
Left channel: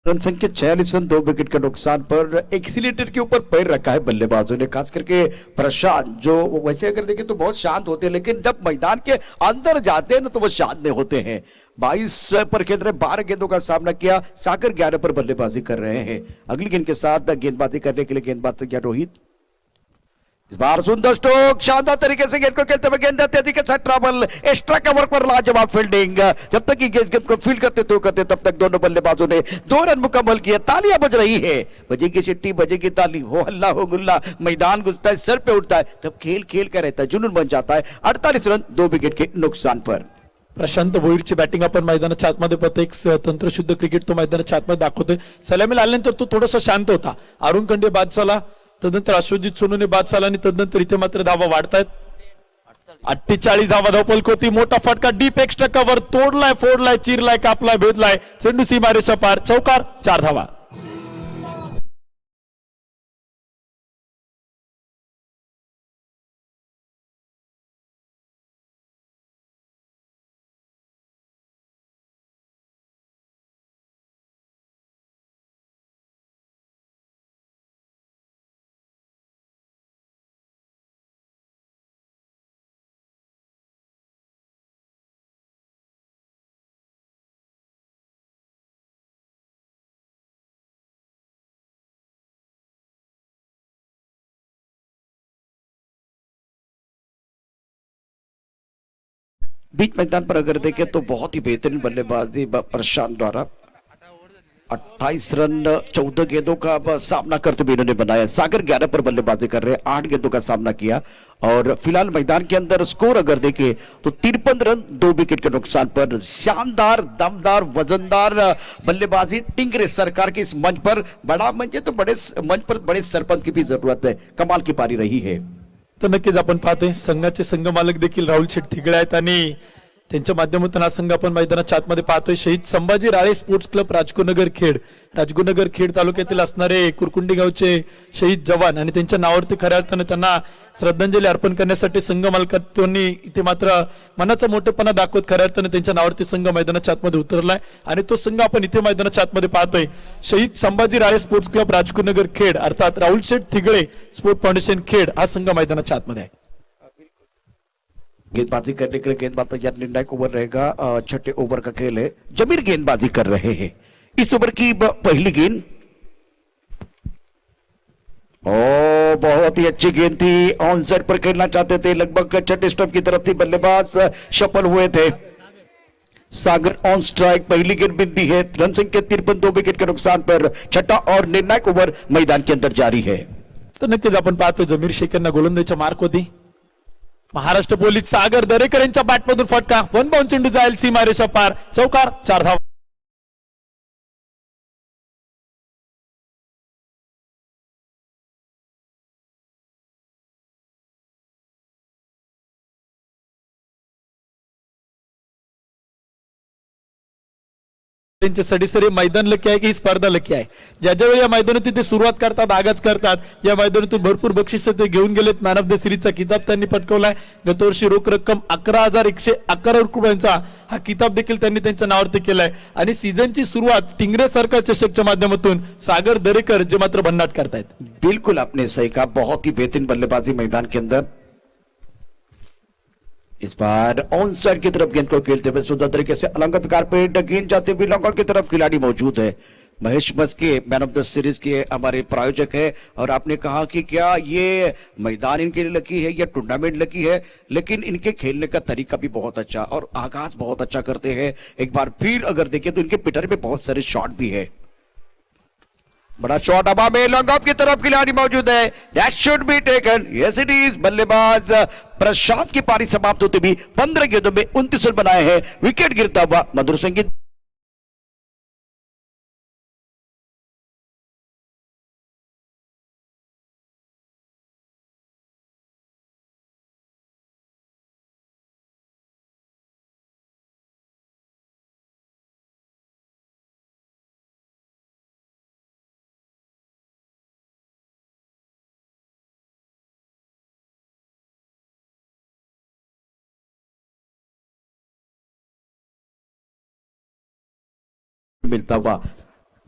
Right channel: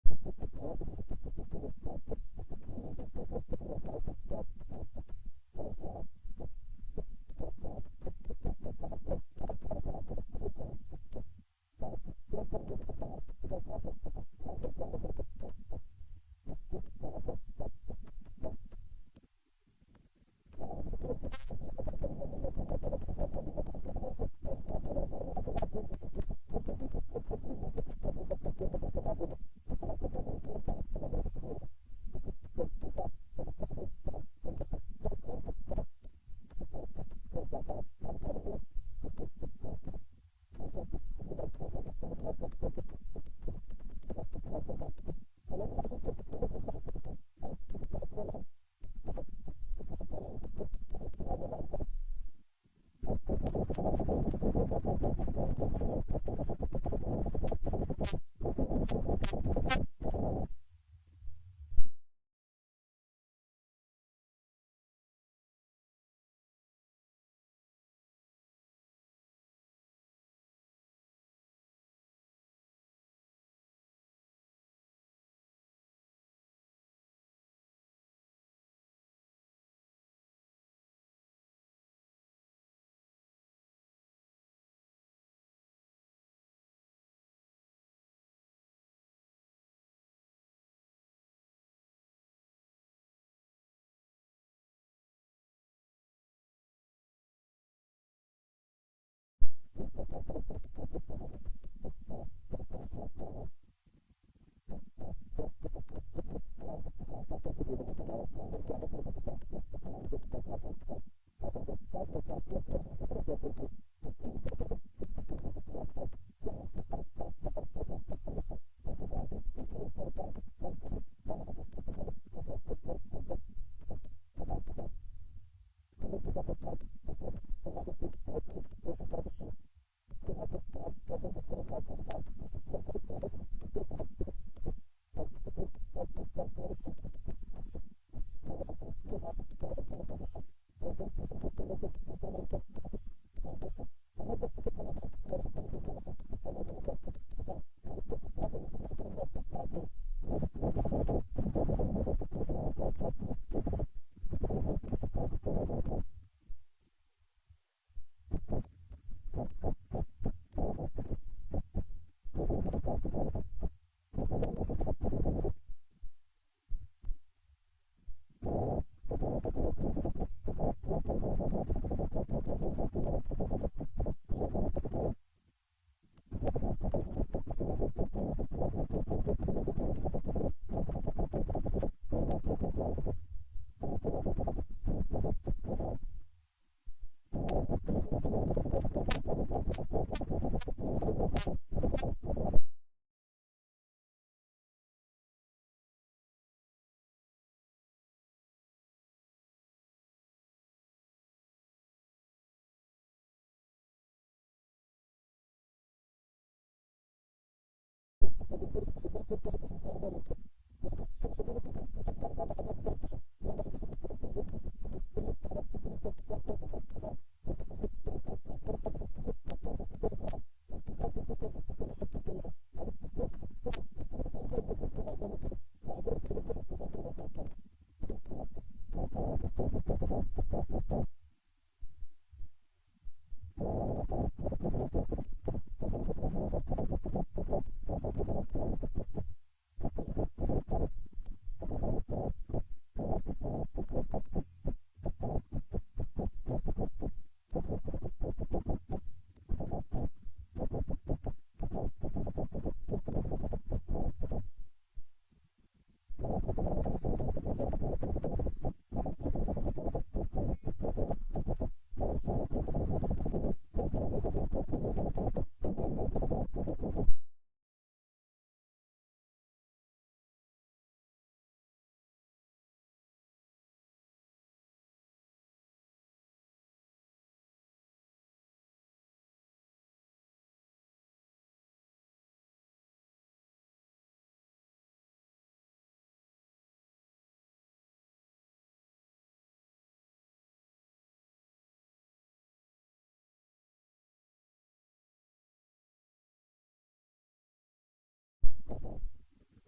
रन संख्या 46 रन, 2 विकेट के नुकसान पर एक्सीलेटर के ऊपर पैर रखा है बल्लेबाजों ने, खास करके प्रशांत, जो वैसे अगर देखें तो बहुत शांत होते हैं, लेकिन जब मैदान के अंदर जाते हैं ना तो वो शांत नहीं होते हैं। 22 पर खेल रहे, 12 गेंदों का सामना किया। सागर 11 पर बल्लेबाजी कर रहे हैं। अगली गेंद के साथ गेंदबाजी करने के लिए गेंदबाज तैयार रोहित। इस बार सुंदर स्ट्रोक, शानदार तरीके से गेंद को खेलते हुए, गेंद तेजी के साथ ट्रैवल, एक्स्ट्रा कवर पर लाजवाब फील्डिंग। जब तक कि गेंद को फील्ड करते तब तक दोनों बल्लेबाजों ने 2 रन मुकम्मल किए। तालियां बज रही है, बजेगी सिट्टी, बजेगी ताली, हो हल्ला हो गुल्ला, मैदान गुजरता है, सर पे उठता है, तब खेल खेल का रहता है, जुनून बन जाता है। 48 रन, 2 विकेट के नुकसान पर। प्रशांत भोईरची बॅटिंग आपण मैदानाच्या आतमध्ये पाहतो, एक तंत्रशुद्ध क्रिकेट तो मैदानाच्या आतमध्ये दाखवतोय। सलामीला आल्यानंतर तो थोडासा शांत होता। अरुण खंडे बाद झाला, तदनंतर अश्वजित सोनूने बाद झाला आणि तदनंतर इथे मात्र धावा वाढतायत। 48 धावा धावपल होती, मोठा फटका, डीप एक्स्ट्रा कव्हर, तोडलाय, फोडलाय, चिरलाय, कापलाय, भेदलाय, चेंडू सीमारेषा पार, चौकार, 4 धावा। बीच मैदान पर अगर देखें तो बहुत ही बेहतरीन बल्लेबाजी प्रशांत द्वारा। 28 रन, 14 गेंदों का सामना करते हुए इन्होंने बनाया। सागर 11 पर बल्लेबाजी कर रहे हैं, 8 गेंदों का सामना किया और फिलहाल मैदान के अंदर स्कोर अगर देखें तो 53 रन, 2 विकेट के नुकसान पर। शानदार, दमदार, वजनदार बल्लेबाजी टिंगरे सरकार के इस मंच पर, बड़ा मंच है तो बड़े मंच पर बड़े सरपंच की भी जरूरत है। कमाल की पारी रही है। तर नक्कीच आपण पाहतोय संघाचे संघमालक देखील राहुल शेठ थिगळे आहेत आणि त्यांच्या माध्यमातून हा संघ आपण मैदानाच्या आतमध्ये पाहतोय। शहीद संभाजी राळे स्पोर्ट्स क्लब राजगुरुनगर खेड, राजगुरुनगर खेड तालुक्यातील असणारे कुरकुंडी गावचे शहीद जवान आणि त्यांच्या नावावरती खऱ्या अर्थाने त्यांना श्रद्धांजली अर्पण करण्यासाठी संघ मालकांनी इथे मात्र मनाचा मोठेपणा दाखवत खऱ्या अर्थाने त्यांच्या नावावरती संघ मैदानाच्या आतमध्ये उतरलाय आणि तो संघ आपण इथे मैदानाच्या आतमध्ये पाहतोय। शहीद संभाजी राळे स्पोर्ट्स क्लब राजगुरुनगर खेड अर्थात राहुल शेठ थिगळे स्पोर्ट फाउंडेशन खेड हा संघ मैदानाच्या आतमध्ये आहे। गेंदबाजी करने के लिए गेंदबाज तैयार, निर्णायक ओवर रहेगा। छठे ओवर का खेल है, जमीर गेंदबाजी कर रहे हैं। इस ओवर की पहली गेंद, ओ बहुत ही अच्छी गेंद थी, ऑन साइड पर खेलना चाहते थे, लगभग छठे स्टंप की तरफ थी, बल्लेबाज सफल हुए थे। सागर ऑन स्ट्राइक, पहली गेंद बिंदी है, रन संख्या 53, 2 विकेट के नुकसान पर। छठा और निर्णायक ओवर मैदान के अंदर जारी है। तर नक्कीच आपण पाहतो जमीर शेख यांना गोलंदाजीच्या मार्क होती। महाराष्ट्र पोलीस सागर दरेकर यांच्या बॅटमधून फटका, वन बाउंड चेंडू जाईल सीमारेषा पार, चौकार, 4 धावा। त्यांचे सडीसरी मैदान लकी आहे की ही स्पर्धा लकी आहे। ज्या ज्यावेळी या मैदानातून ते सुरुवात करतात, आगाज करतात, या मैदानातून भरपूर बक्षीस ते घेऊन गेलेत। मॅन ऑफ द सिरीजचा किताब त्यांनी पटकवलाय। गतवर्षी रोख रक्कम 11,111 रुपयांचा हा किताब देखील त्यांनी त्यांच्या नावावरती केलाय आणि सीझनची सुरुवात टिंगरे सरकार चषकच्या माध्यमातून सागर दरेकर जे मात्र भन्नाट करतायत। बिल्कुल आपने सही कहा, बहुत ही बेहतरीन बल्लेबाजी मैदान के अंदर। इस बार ऑन साइड की तरफ गेंद को खेलते हुए सुंदर तरीके से अलंकृत कारपेट, गेंद जाते हुए लॉन्ग ऑन की तरफ खिलाड़ी मौजूद है। Mahesh Maske man of the series के हमारे प्रायोजक है और आपने कहा कि क्या ये मैदान इनके लिए लकी है या टूर्नामेंट लकी है, लेकिन इनके खेलने का तरीका भी बहुत अच्छा और आगाज बहुत अच्छा करते हैं। एक बार फिर अगर देखें तो इनके पिटर में बहुत सारे शॉट भी है। बड़ा शॉट हवा में, लॉन्ग ऑफ की तरफ खिलाड़ी मौजूद है, that should be taken, yes it is. बल्लेबाज प्रशांत की पारी समाप्त होते भी 15 गेंदों में 29 रन बनाए हैं। विकेट गिरता हुआ मधुर संगीत। मिलता हुआ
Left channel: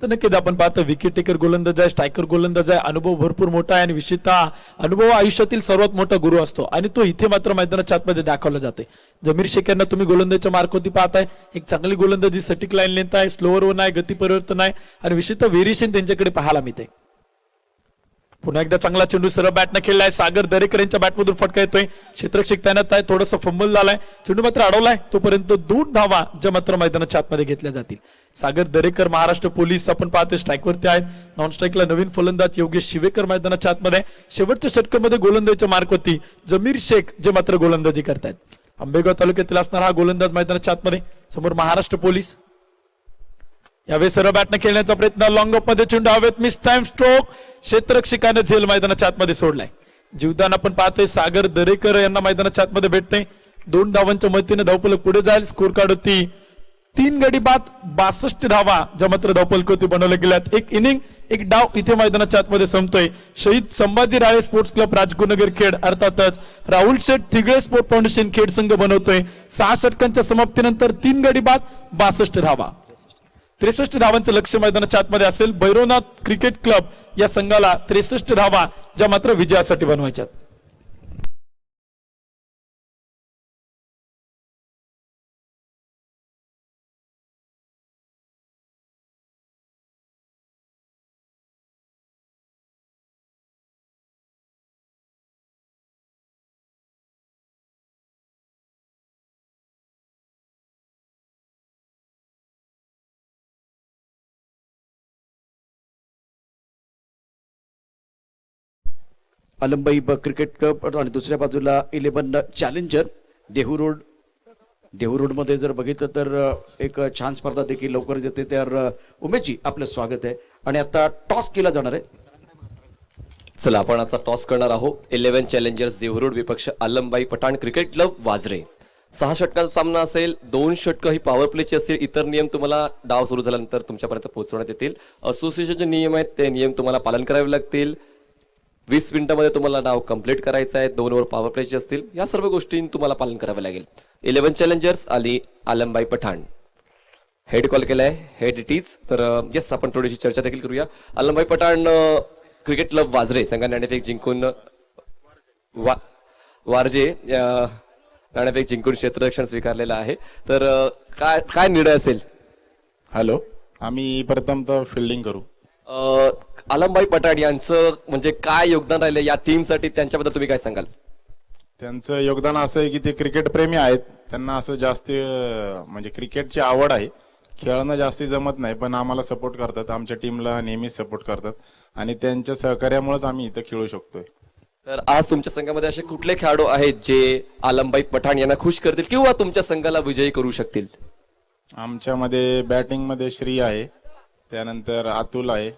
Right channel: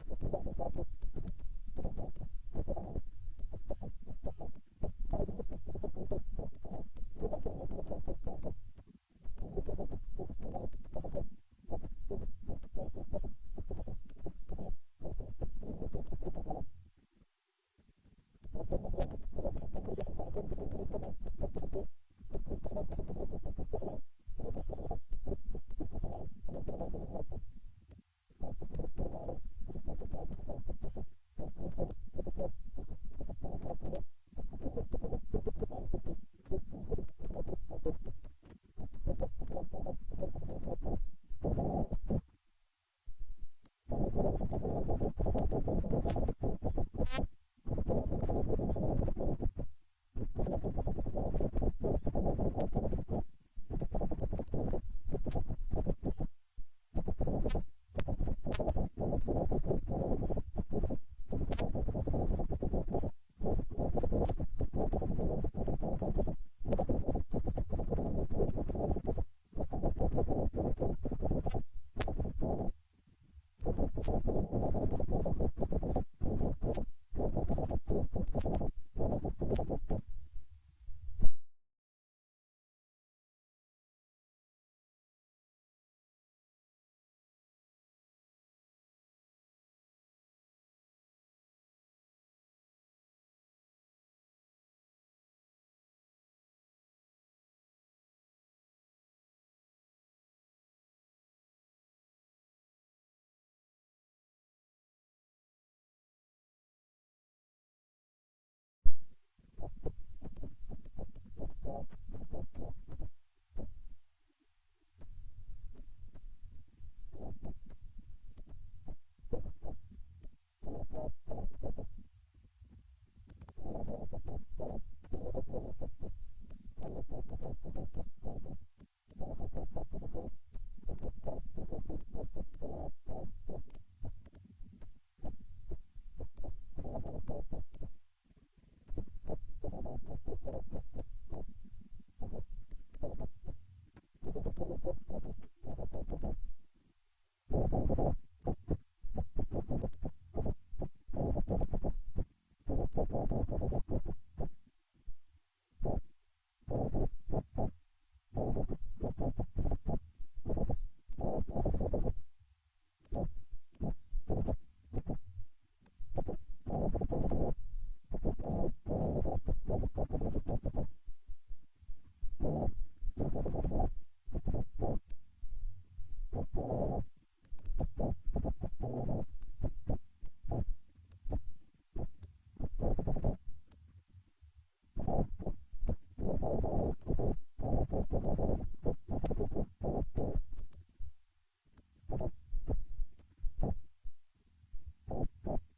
तर नक्कीच आपण पाहतो विकेट टेकर गोलंदाज आहे, स्ट्रायकर गोलंदाज आहे, अनुभव भरपूर मोठा आहे आणि विशेषतः अनुभव हा आयुष्यातील सर्वात मोठा गुरु असतो आणि तो इथे मात्र मैदानाच्या आतमध्ये दाखवला जातोय. जमीर शेख यांना तुम्ही गोलंदाजीच्या मार्कवरती पाहताय, एक चांगली गोलंदाजी, सटीक लाईन लेंथ आहे, स्लोअर वन आहे, गती परिवर्तन आहे आणि विशेषतः व्हेरिएशन त्यांच्याकडे पाहायला मिळते. पुन्हा एकदा चांगला चेंडू सरळ बॅटने खेळलाय, सागर दरेकर यांच्या बॅटमधून फटका येतोय, क्षेत्ररक्षक तैनात आहे, थोडंसं फंबल झालाय, चेंडू मात्र अडवलाय, तोपर्यंत 2 धावा ज्या मात्र मैदानाच्या आतमध्ये घेतल्या जातील. सागर दरेकर महाराष्ट्र पोलीस आपण पाहतोय स्ट्राईकवरती आहेत, नॉन स्ट्राईकला नवीन फलंदाज योगेश शिवेकर मैदानाच्या आतमध्ये, शेवटच्या षटकामध्ये गोलंदाजीच्या मार्कवरती जमीर शेख जे मात्र गोलंदाजी करतायत. आंबेगाव तालुक्यातील असणारा हा गोलंदाज मैदानाच्या आतमध्ये, समोर महाराष्ट्र पोलीस. यावेळी सरळ बॅटने खेळण्याचा प्रयत्न, लॉंग ऑफ मध्ये चेंडू हवेत, मिस टाइम स्ट्रोक, क्षेत्ररक्षकाने झेल मैदानाच्या आतमध्ये सोडलाय. जीवदान आपण पाहतोय सागर दरेकर यांना मैदानाच्या आतमध्ये भेटते. 2 धावांच्या मदतीने धावफलक पुढे जाईल. स्कोर कार्ड होती 3 गडी बाद 62 धावा ज्या मात्र धावफलक होती बनवल्या गेल्यात. एक इनिंग एक डाव इथे मैदानाच्या आतमध्ये संपतोय. शहीद संभाजी राळे स्पोर्ट्स क्लब राजगुरुनगर खेड अर्थातच राहुल शेठ थिगळे स्पोर्ट फाउंडेशन खेड संघ बनवतोय. 6 षटकांच्या समाप्तीनंतर 3 गडी बाद 62 धावा, 63 धावांचं लक्ष मैदानाच्या आतमध्ये असेल. भैरवनाथ क्रिकेट क्लब या संघाला 63 धावा ज्या मात्र विजयासाठी बनवायच्यात. अलंबाई क्रिकेट क्लब आणि दुसऱ्या बाजूला 11 चॅलेंजर देहू रोड मध्ये जर बघितलं तर एक छान स्पर्धा देखील लवकरच येते. तर उमेशजी आपलं स्वागत आहे आणि आता टॉस केला जाणार आहे. चला आपण आता टॉस करणार आहोत. 11 चॅलेंजर्स देहरोड विपक्ष आलमबाई पठाण क्रिकेट क्लब वाजरे. 6 षटकांचा सामना असेल. 2 षटकं ही पॉवर प्लेची असतील. इतर नियम तुम्हाला डाव सुरू झाल्यानंतर तुमच्यापर्यंत पोहोचवण्यात येतील. असोसिएशनचे नियम आहेत ते नियम तुम्हाला पालन करावे लागतील. 20 मिनिटांमध्ये तुम्हाला डाव कंप्लीट करायचा आहे. 2 ओव्हर पॉवर प्लेचे असतील. या सर्व गोष्टी तुम्हाला पालन करावे लागेल. 11 चॅलेंजर्स आली आलमबाई पठाण. हेड कॉल केलाय, हेड इट इज. तर येस आपण थोडीशी चर्चा देखील करूया. आलमबाई पठाण क्रिकेट क्लब वाजरे संघाने नाणेफेक जिंकून वारजे नाणेफेक जिंकून क्षेत्ररक्षण स्वीकारलेलं आहे. तर काय निर्णय असेल? हॅलो, आम्ही प्रथमतः फिल्डिंग करू. आलमबाई पठाण यांचं म्हणजे काय योगदान राहिलं या टीमसाठी, त्यांच्याबद्दल तुम्ही काय सांगाल? त्यांचं योगदान असं आहे की ते क्रिकेट प्रेमी आहेत. त्यांना असं जास्त म्हणजे क्रिकेटची आवड आहे. खेळणं जास्ती जमत नाही पण आम्हाला सपोर्ट करतात. आमच्या टीमला नेहमीच सपोर्ट करतात आणि त्यांच्या सहकार्यामुळेच आम्ही इथं खेळू शकतोय. तर आज तुमच्या संघामध्ये असे कुठले खेळाडू आहेत जे आलमबाई पठाण यांना खुश करतील किंवा तुमच्या संघाला विजयी करू शकतील? आमच्यामध्ये बॅटिंगमध्ये श्री आहे, त्यानंतर अतुल आहे,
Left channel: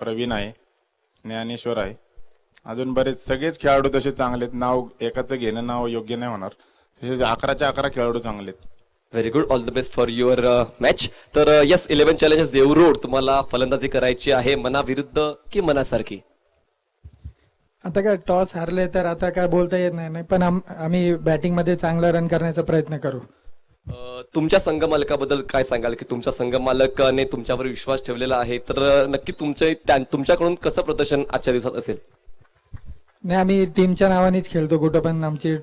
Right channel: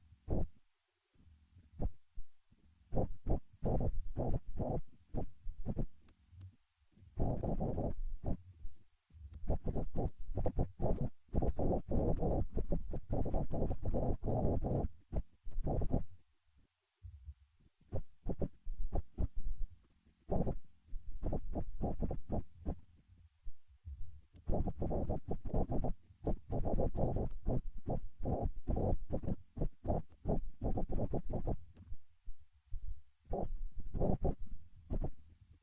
प्रवीण आहे, ज्ञानेश्वर आहे, अजून बरेच सगळेच खेळाडू तसे चांगले आहेत. नाव एकाचं घेणं नाव योग्य नाही होणार. तसे 11च्या 11 खेळाडू चांगले आहेत. Very good, all the best for your match. तर येस 11 चॅलेंजर्स देवरोड तुम्हाला फलंदाजी करायची आहे मनाविरुद्ध की मनासारखी? आता काय टॉस हारले तर आता काय बोलता येत नाही पण आम्ही बॅटिंग मध्ये चांगला रन करण्याचा प्रयत्न करू. तुमच्या संघ मालकाबद्दल काय सांगाल की तुमच्या संघ मालकाने तुमच्यावर विश्वास ठेवलेला आहे, तर नक्की तुमच्याकडून कसं प्रदर्शन आजच्या दिवसात असेल? नाही, आम्ही टीमच्या नावानेच खेळतो. कुठं पण आमची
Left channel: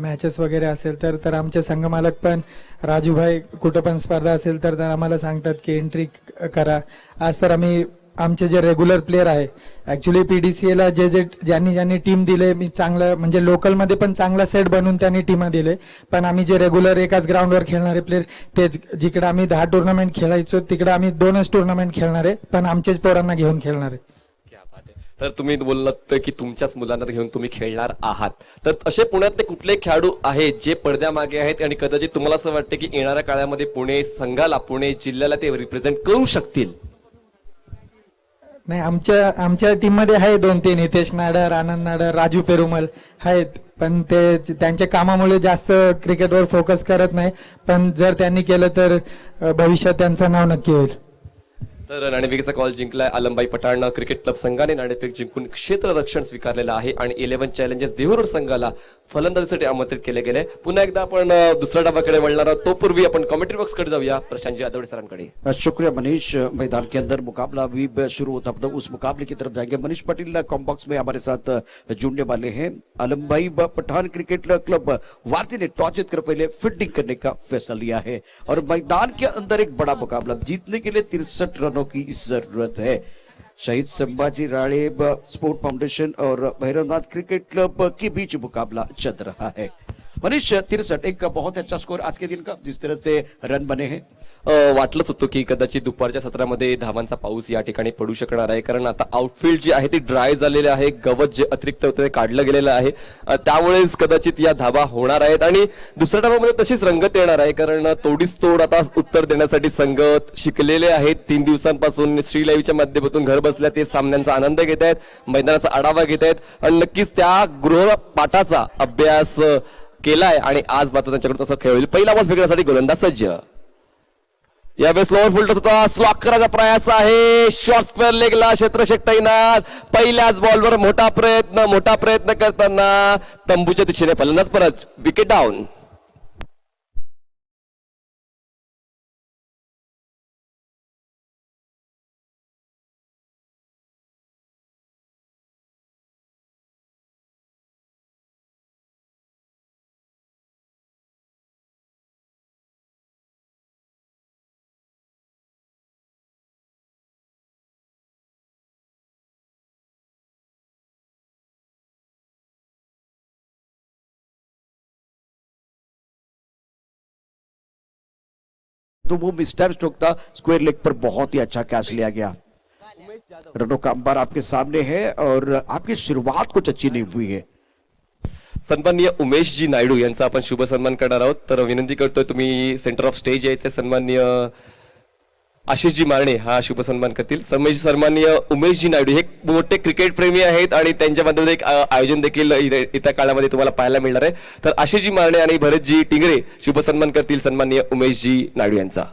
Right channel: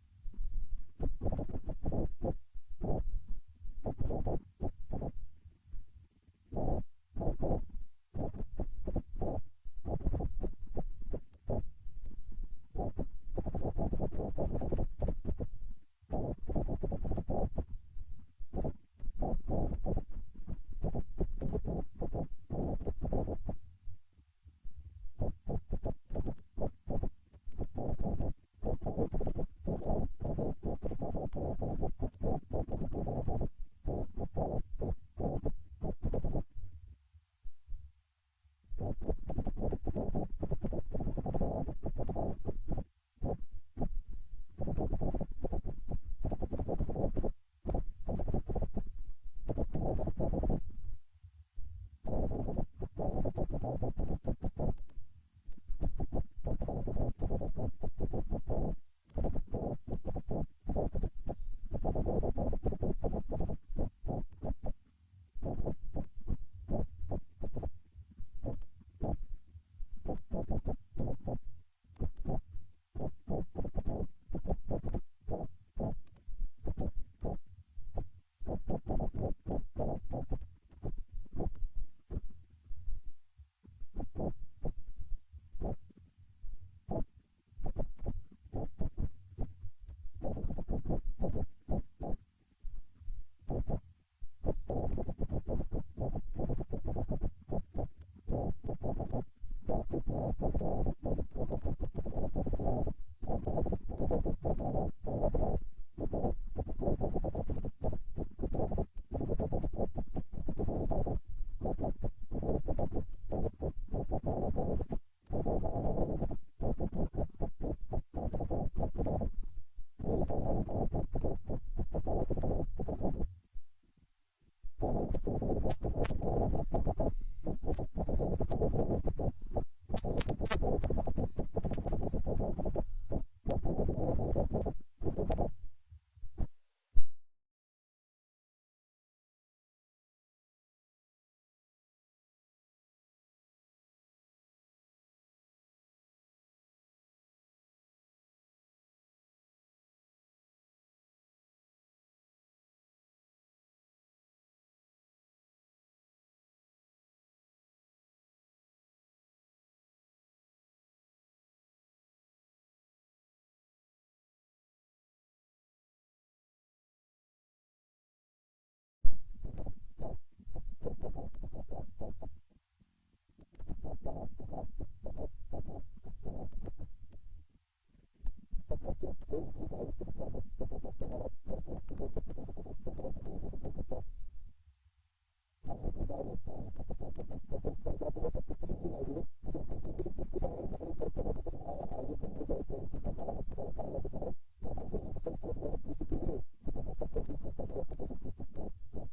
मॅचेस वगैरे असेल तर आमचे संघ मालक पण राजूभाई कुठं पण स्पर्धा असेल तर आम्हाला सांगतात की एंट्री करा. आज तर आम्ही आमचे जे रेग्युलर प्लेयर आहे ऍक्च्युली PDCA ला ज्यांनी टीम दिले, मी चांगलं म्हणजे लोकल मध्ये पण चांगला सेट बनवून त्यांनी टीम दिले. पण आम्ही जे रेग्युलर एकाच ग्राउंडवर खेळणारे प्लेयर तेच, जिकडे आम्ही 10 टुर्नामेंट खेळायचो तिकडे आम्ही 2च टुर्नामेंट खेळणारे पण आमच्याच पोरांना घेऊन खेळणारे. तर तुम्ही बोललात की तुमच्याच मुलांना घेऊन तुम्ही खेळणार आहात. तर असे पुण्यातले कुठले खेळाडू आहेत जे पडद्यामागे आहेत आणि कदाचित तुम्हाला असं वाटतं की येणाऱ्या काळामध्ये पुणे संघाला, पुणे जिल्ह्याला ते रिप्रेझेंट करू शकतील? नाही, आमच्या टीम मध्ये आहे 2-3, हितेश नाडर, आनंद नाडर, राजू पेरुमल आहेत. पण ते त्यांच्या कामामुळे जास्त क्रिकेटवर फोकस करत नाही. पण जर त्यांनी केलं तर भविष्यात त्यांचं नाव नक्की होईल. तर नाणेफेकीचा कॉल जिंकलाय आलमबाई पठाण क्रिकेट क्लब संघाने. नाणेफेक जिंकून क्षेत्ररक्षण स्वीकारलेलं आहे आणि 11 चॅलेंजर्स देहरोड संघाला फलंदाजीसाठी आमंत्रित केले गेले. पुन्हा एकदा आपण दुसऱ्या डावाकडे वळणार आहोत. तो पूर्वी आपण कॉमेंट्री बॉक्स कडे जाऊया प्रशांतजी आदवडे सरांकडे. शुक्रिया मनीष. मैदान के अंदर मुकाबला अभी शुरू होता मतलब उस मुकाबले की तरफ जाएंगे. मनीष पटेल कॉम्बॉक्स में हमारे साथ जुड़ने वाले हैं. आलम भाई पठान क्रिकेट क्लब वारसी ने टॉस जीतकर पहले फील्डिंग करने का फैसला लिया है और मैदान के अंदर एक बड़ा मुकाबला जीतने के लिए 63 रनों की जरूरत है. शहीद संभाजी राणे स्पोर्ट फाउंडेशन और भैरवनाथ क्रिकेट क्लब के बीच मुकाबला चल रहा है. मनीष 63 एक बहुत अच्छा स्कोर आज के दिन का, जिस तरह से रन बने हैं. वाटलंच होतं की कदाचित दुपारच्या सत्रामध्ये धावांचा पाऊस या ठिकाणी पडू शकणार आहे, कारण आता आउटफील्ड जे आहे ते ड्राय झालेले आहे. गवत जे अतिरिक्त होतं ते काढलं गेलेलं आहे. त्यामुळेच कदाचित या धावा होणार आहेत आणि दुसऱ्या डावामध्ये तशीच रंगत येणार आहे, कारण तोडीस तोड आता उत्तर देण्यासाठी संगत शिकलेले आहेत. 3 दिवसांपासून श्री लाईव्हच्या माध्यमातून घर बसल्या ते सामन्यांचा आनंद घेत आहेत, मैदानाचा आढावा घेत आहेत आणि नक्कीच त्या गृहपाठाचा अभ्यास केलाय आणि आज मात्र त्यांच्याकडे तसं खेळ होईल. पहिला बॉल फेकण्यासाठी गोलंदाज सज्ज. यावेळेस लोअर फुलटस होता, स्लॉक करायचा प्रयास आहे. शॉर्ट स्क्वेअर लेगला क्षेत्ररक्षक तैनात. पहिल्याच बॉलवर मोठा प्रयत्न करताना तंबूच्या दिशेने फलंदाज परत. Wicket down. तो वो मिस्टर स्ट्रोक था, स्क्वायर लेग पर बहुत ही अच्छा कैच लिया गया. रनों का अंबार आपके सामने है और आपकी शुरुआत कुछ अच्छी नहीं हुई है. सन्माननीय उमेशजी नायडू यांचा आपण शुभ सन्मान करणार आहोत, तर विनंती करतोय तुम्ही सेंटर ऑफ स्टेज यायचे. सन्माननीय आशिषजी मारणे हा शुभ सन्मान करतील. सन्माननीय उमेशजी नायडू हे मोठे क्रिकेट प्रेमी आहेत आणि त्यांच्या माध्यमातून एक आयोजन देखील येत्या काळामध्ये तुम्हाला पाहायला मिळणार आहे. तर आशिषजी मारणे आणि भरतजी टिंगरे शुभ सन्मान करतील सन्माननीय उमेशजी नायडू यांचा.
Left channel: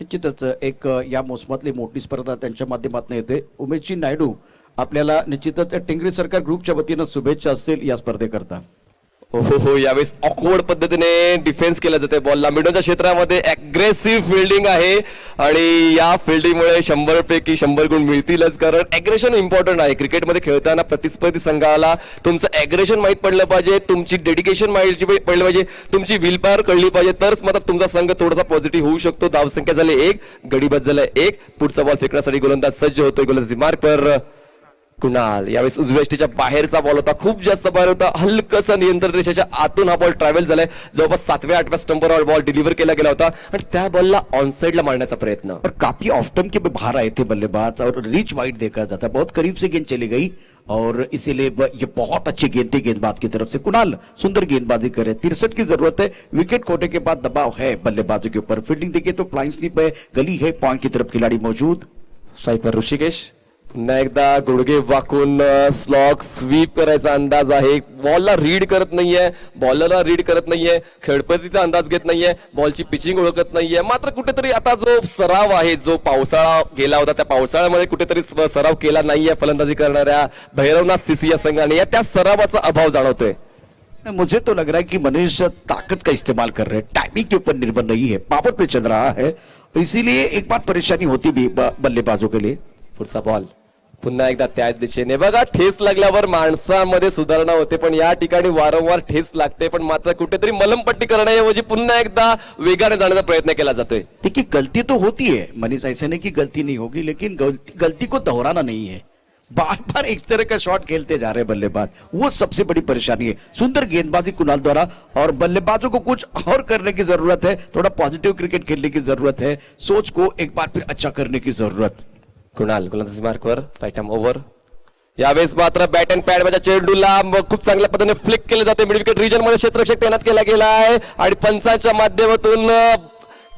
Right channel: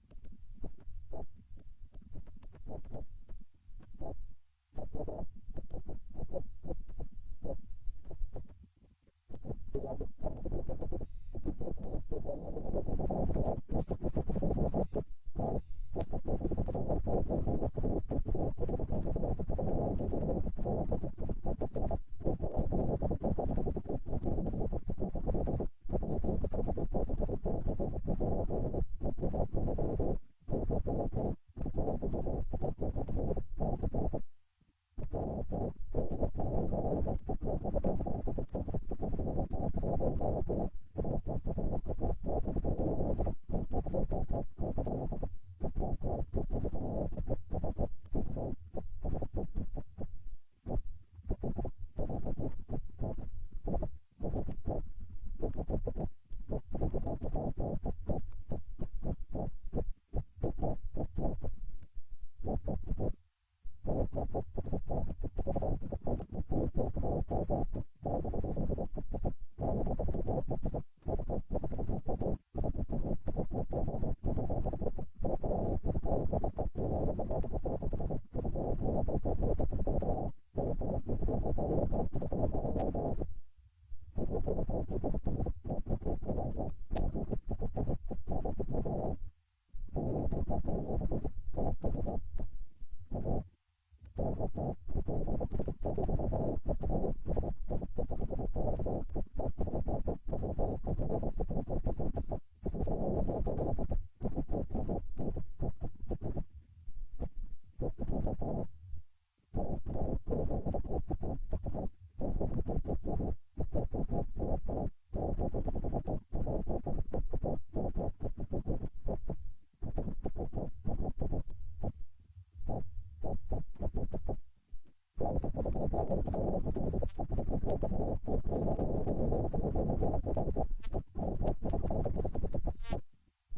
निश्चितच एक या मोसमातली मोठी स्पर्धा त्यांच्या माध्यमातून येते. उमेशजी नायडू आपल्याला निश्चितच टिंगरे सरकार ग्रुपच्या वतीनं शुभेच्छा असतील या स्पर्धेकरता. हो, यावेळेस ऑकवर्ड पद्धतीने डिफेन्स केला जाते. बॉलला मिडलच्या क्षेत्रामध्ये अग्रेसिव्ह फिल्डिंग आहे आणि या फिल्डिंगमुळे 100 पैकी 100 गुण मिळतीलच, कारण अग्रेशन इम्पॉर्टंट आहे. क्रिकेटमध्ये खेळताना प्रतिस्पर्धी संघाला तुमचं अग्रेशन माहीत पडलं पाहिजे, तुमची डेडिकेशन माहिती पडलं पाहिजे, तुमची विल पॉवर कळली पाहिजे, तरच मात्र तुमचा संघ थोडासा पॉझिटिव्ह होऊ शकतो. धावसंख्या झाली 1, गडी बाद झाला 1. पुढचा बॉल फेकण्यासाठी गोलंदाज सज्ज होतोय. गोलंदाजी मार्कर कुणाल. यावेळेस उजव्या यष्टीच्या बाहेरचा बॉल होता, खूप जास्त बाहेर होता. हलकसा नियंत्रण रेषेच्या आतून हा बॉल ट्रॅव्हल झालाय. जवळपास 7व्या-8व्या स्टंपवर बॉल डिलिव्हर केला गेला होता आणि त्या बॉलला ऑन साइडला मारण्याचा प्रयत्न. और काफी ऑफ स्टंप के बाहर आए थे बल्लेबाज और रीच वाइड देखा जाता है. बहुत करीब से गेंद चली गई और इसीलिए ये बहुत अच्छी गेंद थी गेंदबाज की तरफ से. कुणाल सुंदर गेंदबाजी करे. 63 की जरूरत है. विकेट खोने के बाद दबाव है बल्लेबाजों के ऊपर. फील्डिंग देखिए तो फ्लाइंग स्लिप है, गली है, पॉइंट की तरफ खिलाड़ी मौजूद. स्ट्राइकर ऋषिकेश. पुन्हा एकदा गुडघे वाकून स्लॉग स्वीप करायचा अंदाज आहे. बॉलला रीड करत नाहीये, बॉलरला रीड करत नाहीये, खेळपट्टीचा अंदाज घेत नाहीये, बॉलची पिचिंग ओळखत नाहीये. मात्र कुठेतरी आता जो सराव आहे, जो पावसाळा गेला होता त्या पावसाळ्यामध्ये कुठेतरी सराव केला नाहीये फलंदाजी करणाऱ्या भैरवनाथ सीसी या संघाने, या त्या सरावाचा अभाव जाणवतोय. मुझे तो लग रहा है कि मनीष ताकत का इस्तेमाल कर रहे हैं, टाइमिंग के ऊपर निर्भर नहीं है, पावर पे चल रहा है, इसीलिए एक बार परेशानी होती भी बल्लेबाजों के लिए. पुढचा बॉल पुन्हा एकदा त्याच दिशेने. बघा, ठेस लागल्यावर माणसामध्ये सुधारणा होते, पण या ठिकाणी वारंवार ठेस लागते, पण मात्र कुठेतरी मलमपट्टी करण्याऐवजी पुन्हा एकदा वेगाने जाण्याचा प्रयत्न केला जातोय. देखिए गलती तो होती है मनीष, ऐसे नहीं कि गलती नहीं होगी, लेकिन गलती को दोहराना नहीं है. बार बार एक तरह का शॉट खेलते जा रहे हैं बल्लेबाज, वो सबसे बड़ी परेशानी है. सुंदर गेंदबाजी कुणाल द्वारा और बल्लेबाजों को कुछ और करने की जरूरत है. थोड़ा पॉजिटिव क्रिकेट खेलने की जरूरत है. सोच को एक बार फिर अच्छा करने की जरूरत. कुणाल गोलंदाजी मार्कवर. Right arm over. यावेळेस मात्र बॅट अँड पॅड मध्ये चेंडूला खूप चांगल्या पद्धतीने फ्लिक केले जाते. मिड विकेट रिजन मध्ये क्षेत्ररक्षक तैनात केला गेला आहे आणि पंचांच्या माध्यमातून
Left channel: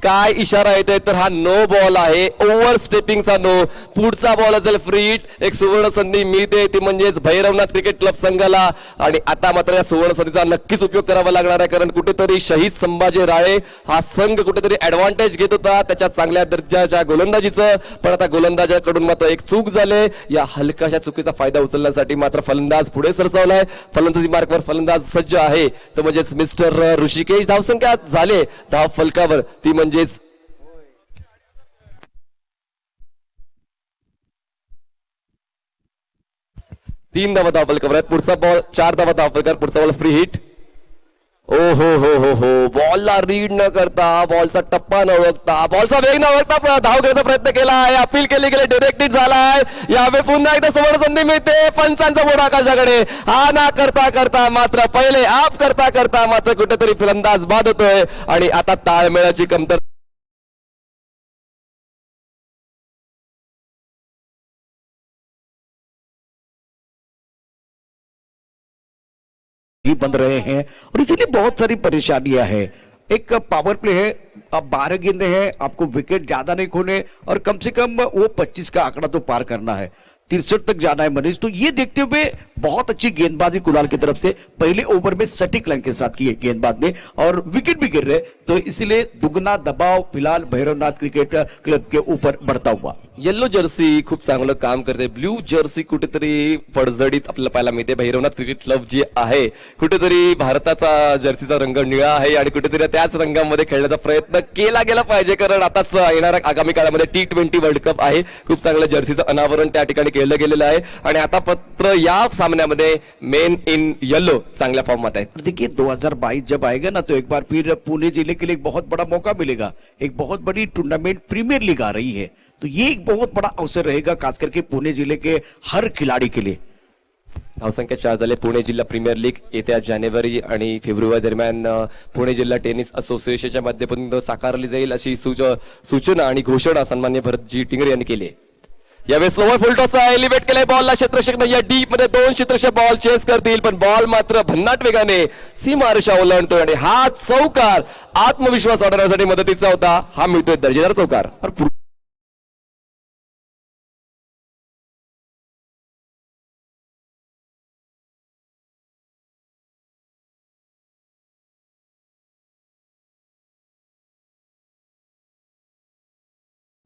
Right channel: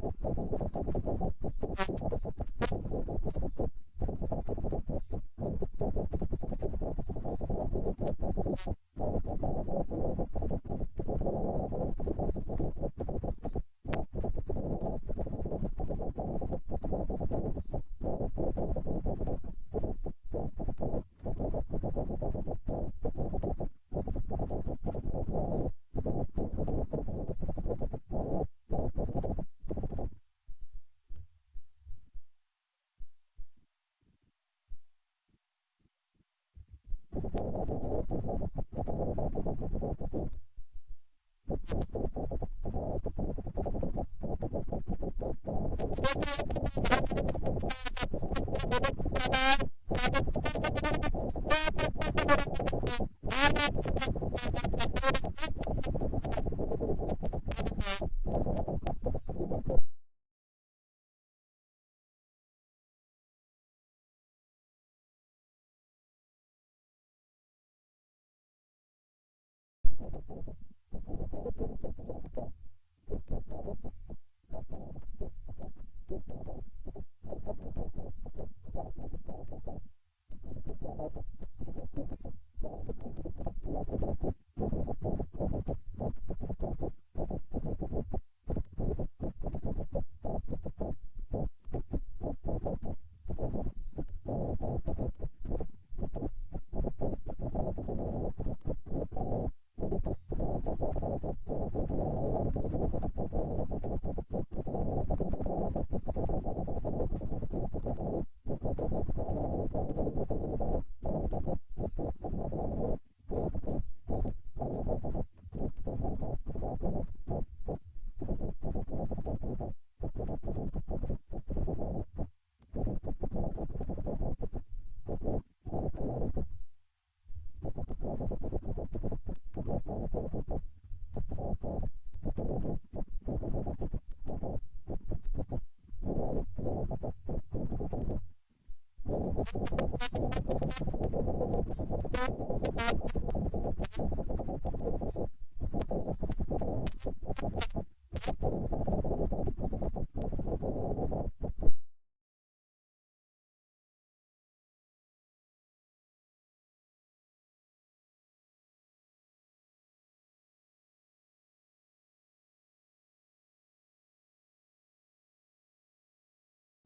काय इशारा येतोय तर हा नो बॉल आहे, ओव्हर स्टेपिंगचा नो. पुढचा बॉल असेल फ्री हिट. एक सुवर्ण संधी मिळते ती म्हणजेच भैरवनाथ क्रिकेट क्लब संघाला. आणि आता मात्र या सुवर्ण संधीचा नक्कीच उपयोग करावा लागणार आहे, कारण कुठेतरी शहीद संभाजी राळे हा संघ कुठेतरी ऍडव्हान्टेज घेत होता त्याच्या चांगल्या दर्जाच्या गोलंदाजीचं. पण आता गोलंदाजाकडून मात्र एक चूक झाले. या हलकाशा चुकीचा फायदा उचलण्यासाठी मात्र फलंदाज पुढे सरसावलाय. फलंदाजी मार्कवर फलंदाज सज्ज आहे तो म्हणजेच मिस्टर ऋषिकेश. धावसंख्या झाले धाव फलकावर ती म्हणजेच 3 धावा धाव फलकावर आहेत. पुढचा बॉल 4 धावा धाव फलकावर. पुढचा बॉल फ्री हिट. ओ हो बॉलला रीड न करता, बॉलचा टप्पा न ओळखता, बॉलचा वेग न ओळखता धाव घेण्याचा प्रयत्न केला आहे. अपील केली गेली, डिरेक्टेड झालाय. यावेळी पुन्हा एकदा सुवर्ण संधी मिळते पंचांचा बोट आकाशाकडे. हा ना करता करता मात्र पहिले आप करता करता मात्र कुठेतरी फलंदाज बाद होतोय आणि आता ताळमेळाची कमतरता ही बन रहे हैं और इसीलिए बहुत सारी परेशानियां हैं. एक पावर प्ले है, अब 12 गेंदें हैं, आपको विकेट ज्यादा नहीं खोने और कम से कम वो 25 का आंकड़ा तो पार करना है. 63 तक जाना है मनीष. तो ये देखते हुए बहुत अच्छी गेंदबाजी कुणाल की तरफ से पहले ओवर में सटीक लाइन के साथ की है गेंदबाज ने और विकेट भी गिर रहे, तो इसलिए दुगना दबाव फिलहाल भैरवनाथ क्रिकेट क्लब के ऊपर बढ़ता हुआ. येल्लो जर्सी खूप चांगलं काम करते. ब्ल्यू जर्सी कुठेतरी पडझडीत आपल्याला पाहायला मिळते. भैरवनाथ क्रिकेट क्लब जे आहे कुठेतरी भारताचा जर्सीचा रंग निळा आहे आणि कुठेतरी त्याच रंगामध्ये खेळण्याचा प्रयत्न केला गेला पाहिजे, कारण आताच येणाऱ्या आगामी काळामध्ये T20 वर्ल्ड कप आहे. खूप चांगलं जर्सीचं अनावरण त्या ठिकाणी केलं गेलेलं आहे आणि आता पत्र या सामन्यामध्ये मेन इन येलो चांगल्या फॉर्मात आहे. देखिए 2022 जब आएगा ना तो एक बार फिर पुणे जिले के लिए एक बहुत बड़ा मौका मिलेगा. एक बहुत बड़ी टूर्नामेंट प्रीमियर लीग आ रही है, तो ये एक बहुत बड़ा अवसर रहेगा खास करके पुणे जिले के हर खिलाड़ी के लिए. धावसंख्या 4 झाले. पुणे जिल्हा प्रीमियर लीग येत्या जानेवारी आणि फेब्रुवारी दरम्यान पुणे जिल्हा टेनिस असोसिएशनच्या माध्यमातून साकारली जाईल अशी सूचना आणि घोषणा सन्मान्य भरतजी टिंगरे यांनी केली. यावेळेस स्लोवर फुल टॉस एलिव्हेट केलाय बॉलला. क्षेत्ररक्षक या डीप मध्ये 2 क्षेत्ररक्षक बॉल चेस करतील, पण बॉल मात्र भन्नाट वेगाने सीमारेषा ओलांडतोय आणि हा चौकार आत्मविश्वास वाढवण्यासाठी मदतीचा होता. हा मिळतोय दर्जेदार चौकार.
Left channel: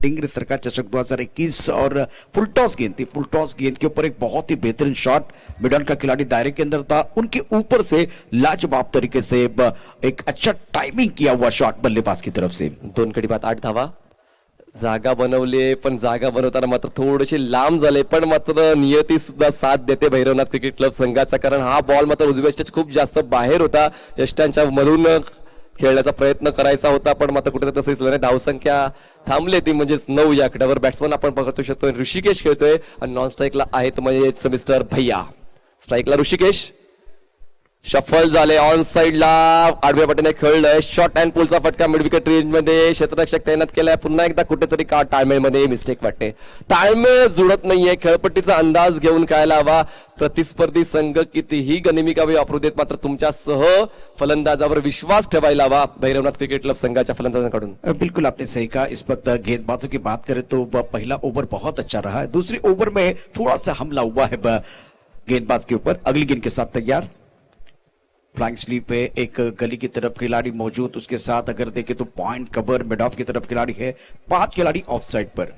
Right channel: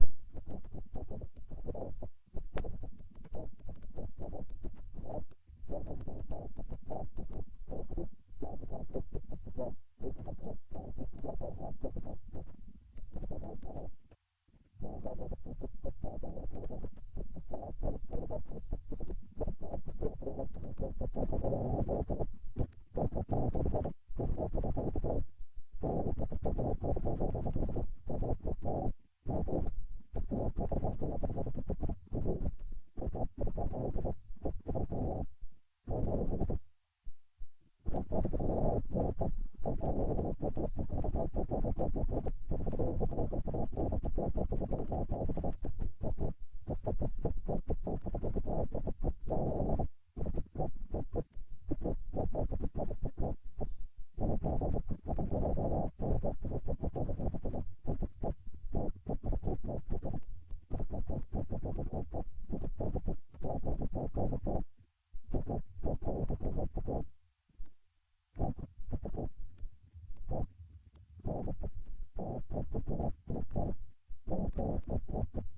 टिंगरे सरकार चषक 2021 और फुल टॉस गेंद थी. फुल टॉस गेंद के ऊपर एक बहुत ही बेहतरीन शॉट मिडन का खिलाड़ी दायरे के अंदर था, उनके ऊपर से लाजवाब तरीके से एक अच्छा टाइमिंग किया हुआ शॉट बल्लेबाज की तरफ से. 2 गडी बाद 8 धावा. जागा बनवली, पण जागा बनवताना मात्र थोडेसे लांब झाले, पण मात्र नियती सुद्धा साथ देते भैरवनाथ क्रिकेट क्लब संघाचा, कारण हा बॉल मात्र उजव्या यष्टीच्या खूप जास्त बाहेर होता. यष्टांच्या मधून खेळण्याचा प्रयत्न करायचा होता, पण मात्र कुठेतरी तसं दिसलं नाही. धावसंख्या थांबले ती म्हणजेच 9 या आकड्यावर. बॅट्समन आपण बघतो शकतो ऋषिकेश खेळतोय आणि नॉन स्ट्राईकला आहेत म्हणजे मिस्टर भैया. स्ट्राईकला ऋषिकेश. शफल झाले ऑन साइडला आडव्या पाठीने खेळलंय. शॉर्ट अँड पुलचा फटका मिड विकेट रेंज मध्ये क्षेत्ररक्षक तैनात केलाय. पुन्हा एकदा कुठेतरी का ताळमेळमध्ये मिस्टेक वाटते. ताळमेळ जुळत नाहीये. खेळपट्टीचा अंदाज घेऊन खेळायला हवा. प्रतिस्पर्धी संघ कितीही गनिमी कावे वापरू देत, मात्र तुमच्या सह फलंदाजावर विश्वास ठेवायला हवा भैरवनाथ क्रिकेट क्लब संघाच्या फलंदाजांकडून. बिल्कुल आपने सही कहा. इस वक्त गेंदबाजों की बात करें तो पहला ओवर बहुत अच्छा रहा है. दूसरी ओवर में थोड़ा सा हमला हुआ है गेंदबाज के ऊपर. अगली गेंद के साथ तैयार. फ्लाइंग स्लीप पे एक गली की तरफ खिलाड़ी मौजूद, उसके साथ अगर देखें तो पॉइंट कवर मिड ऑफ की तरफ खिलाड़ी है. 5 खिलाड़ी ऑफ साइड पर.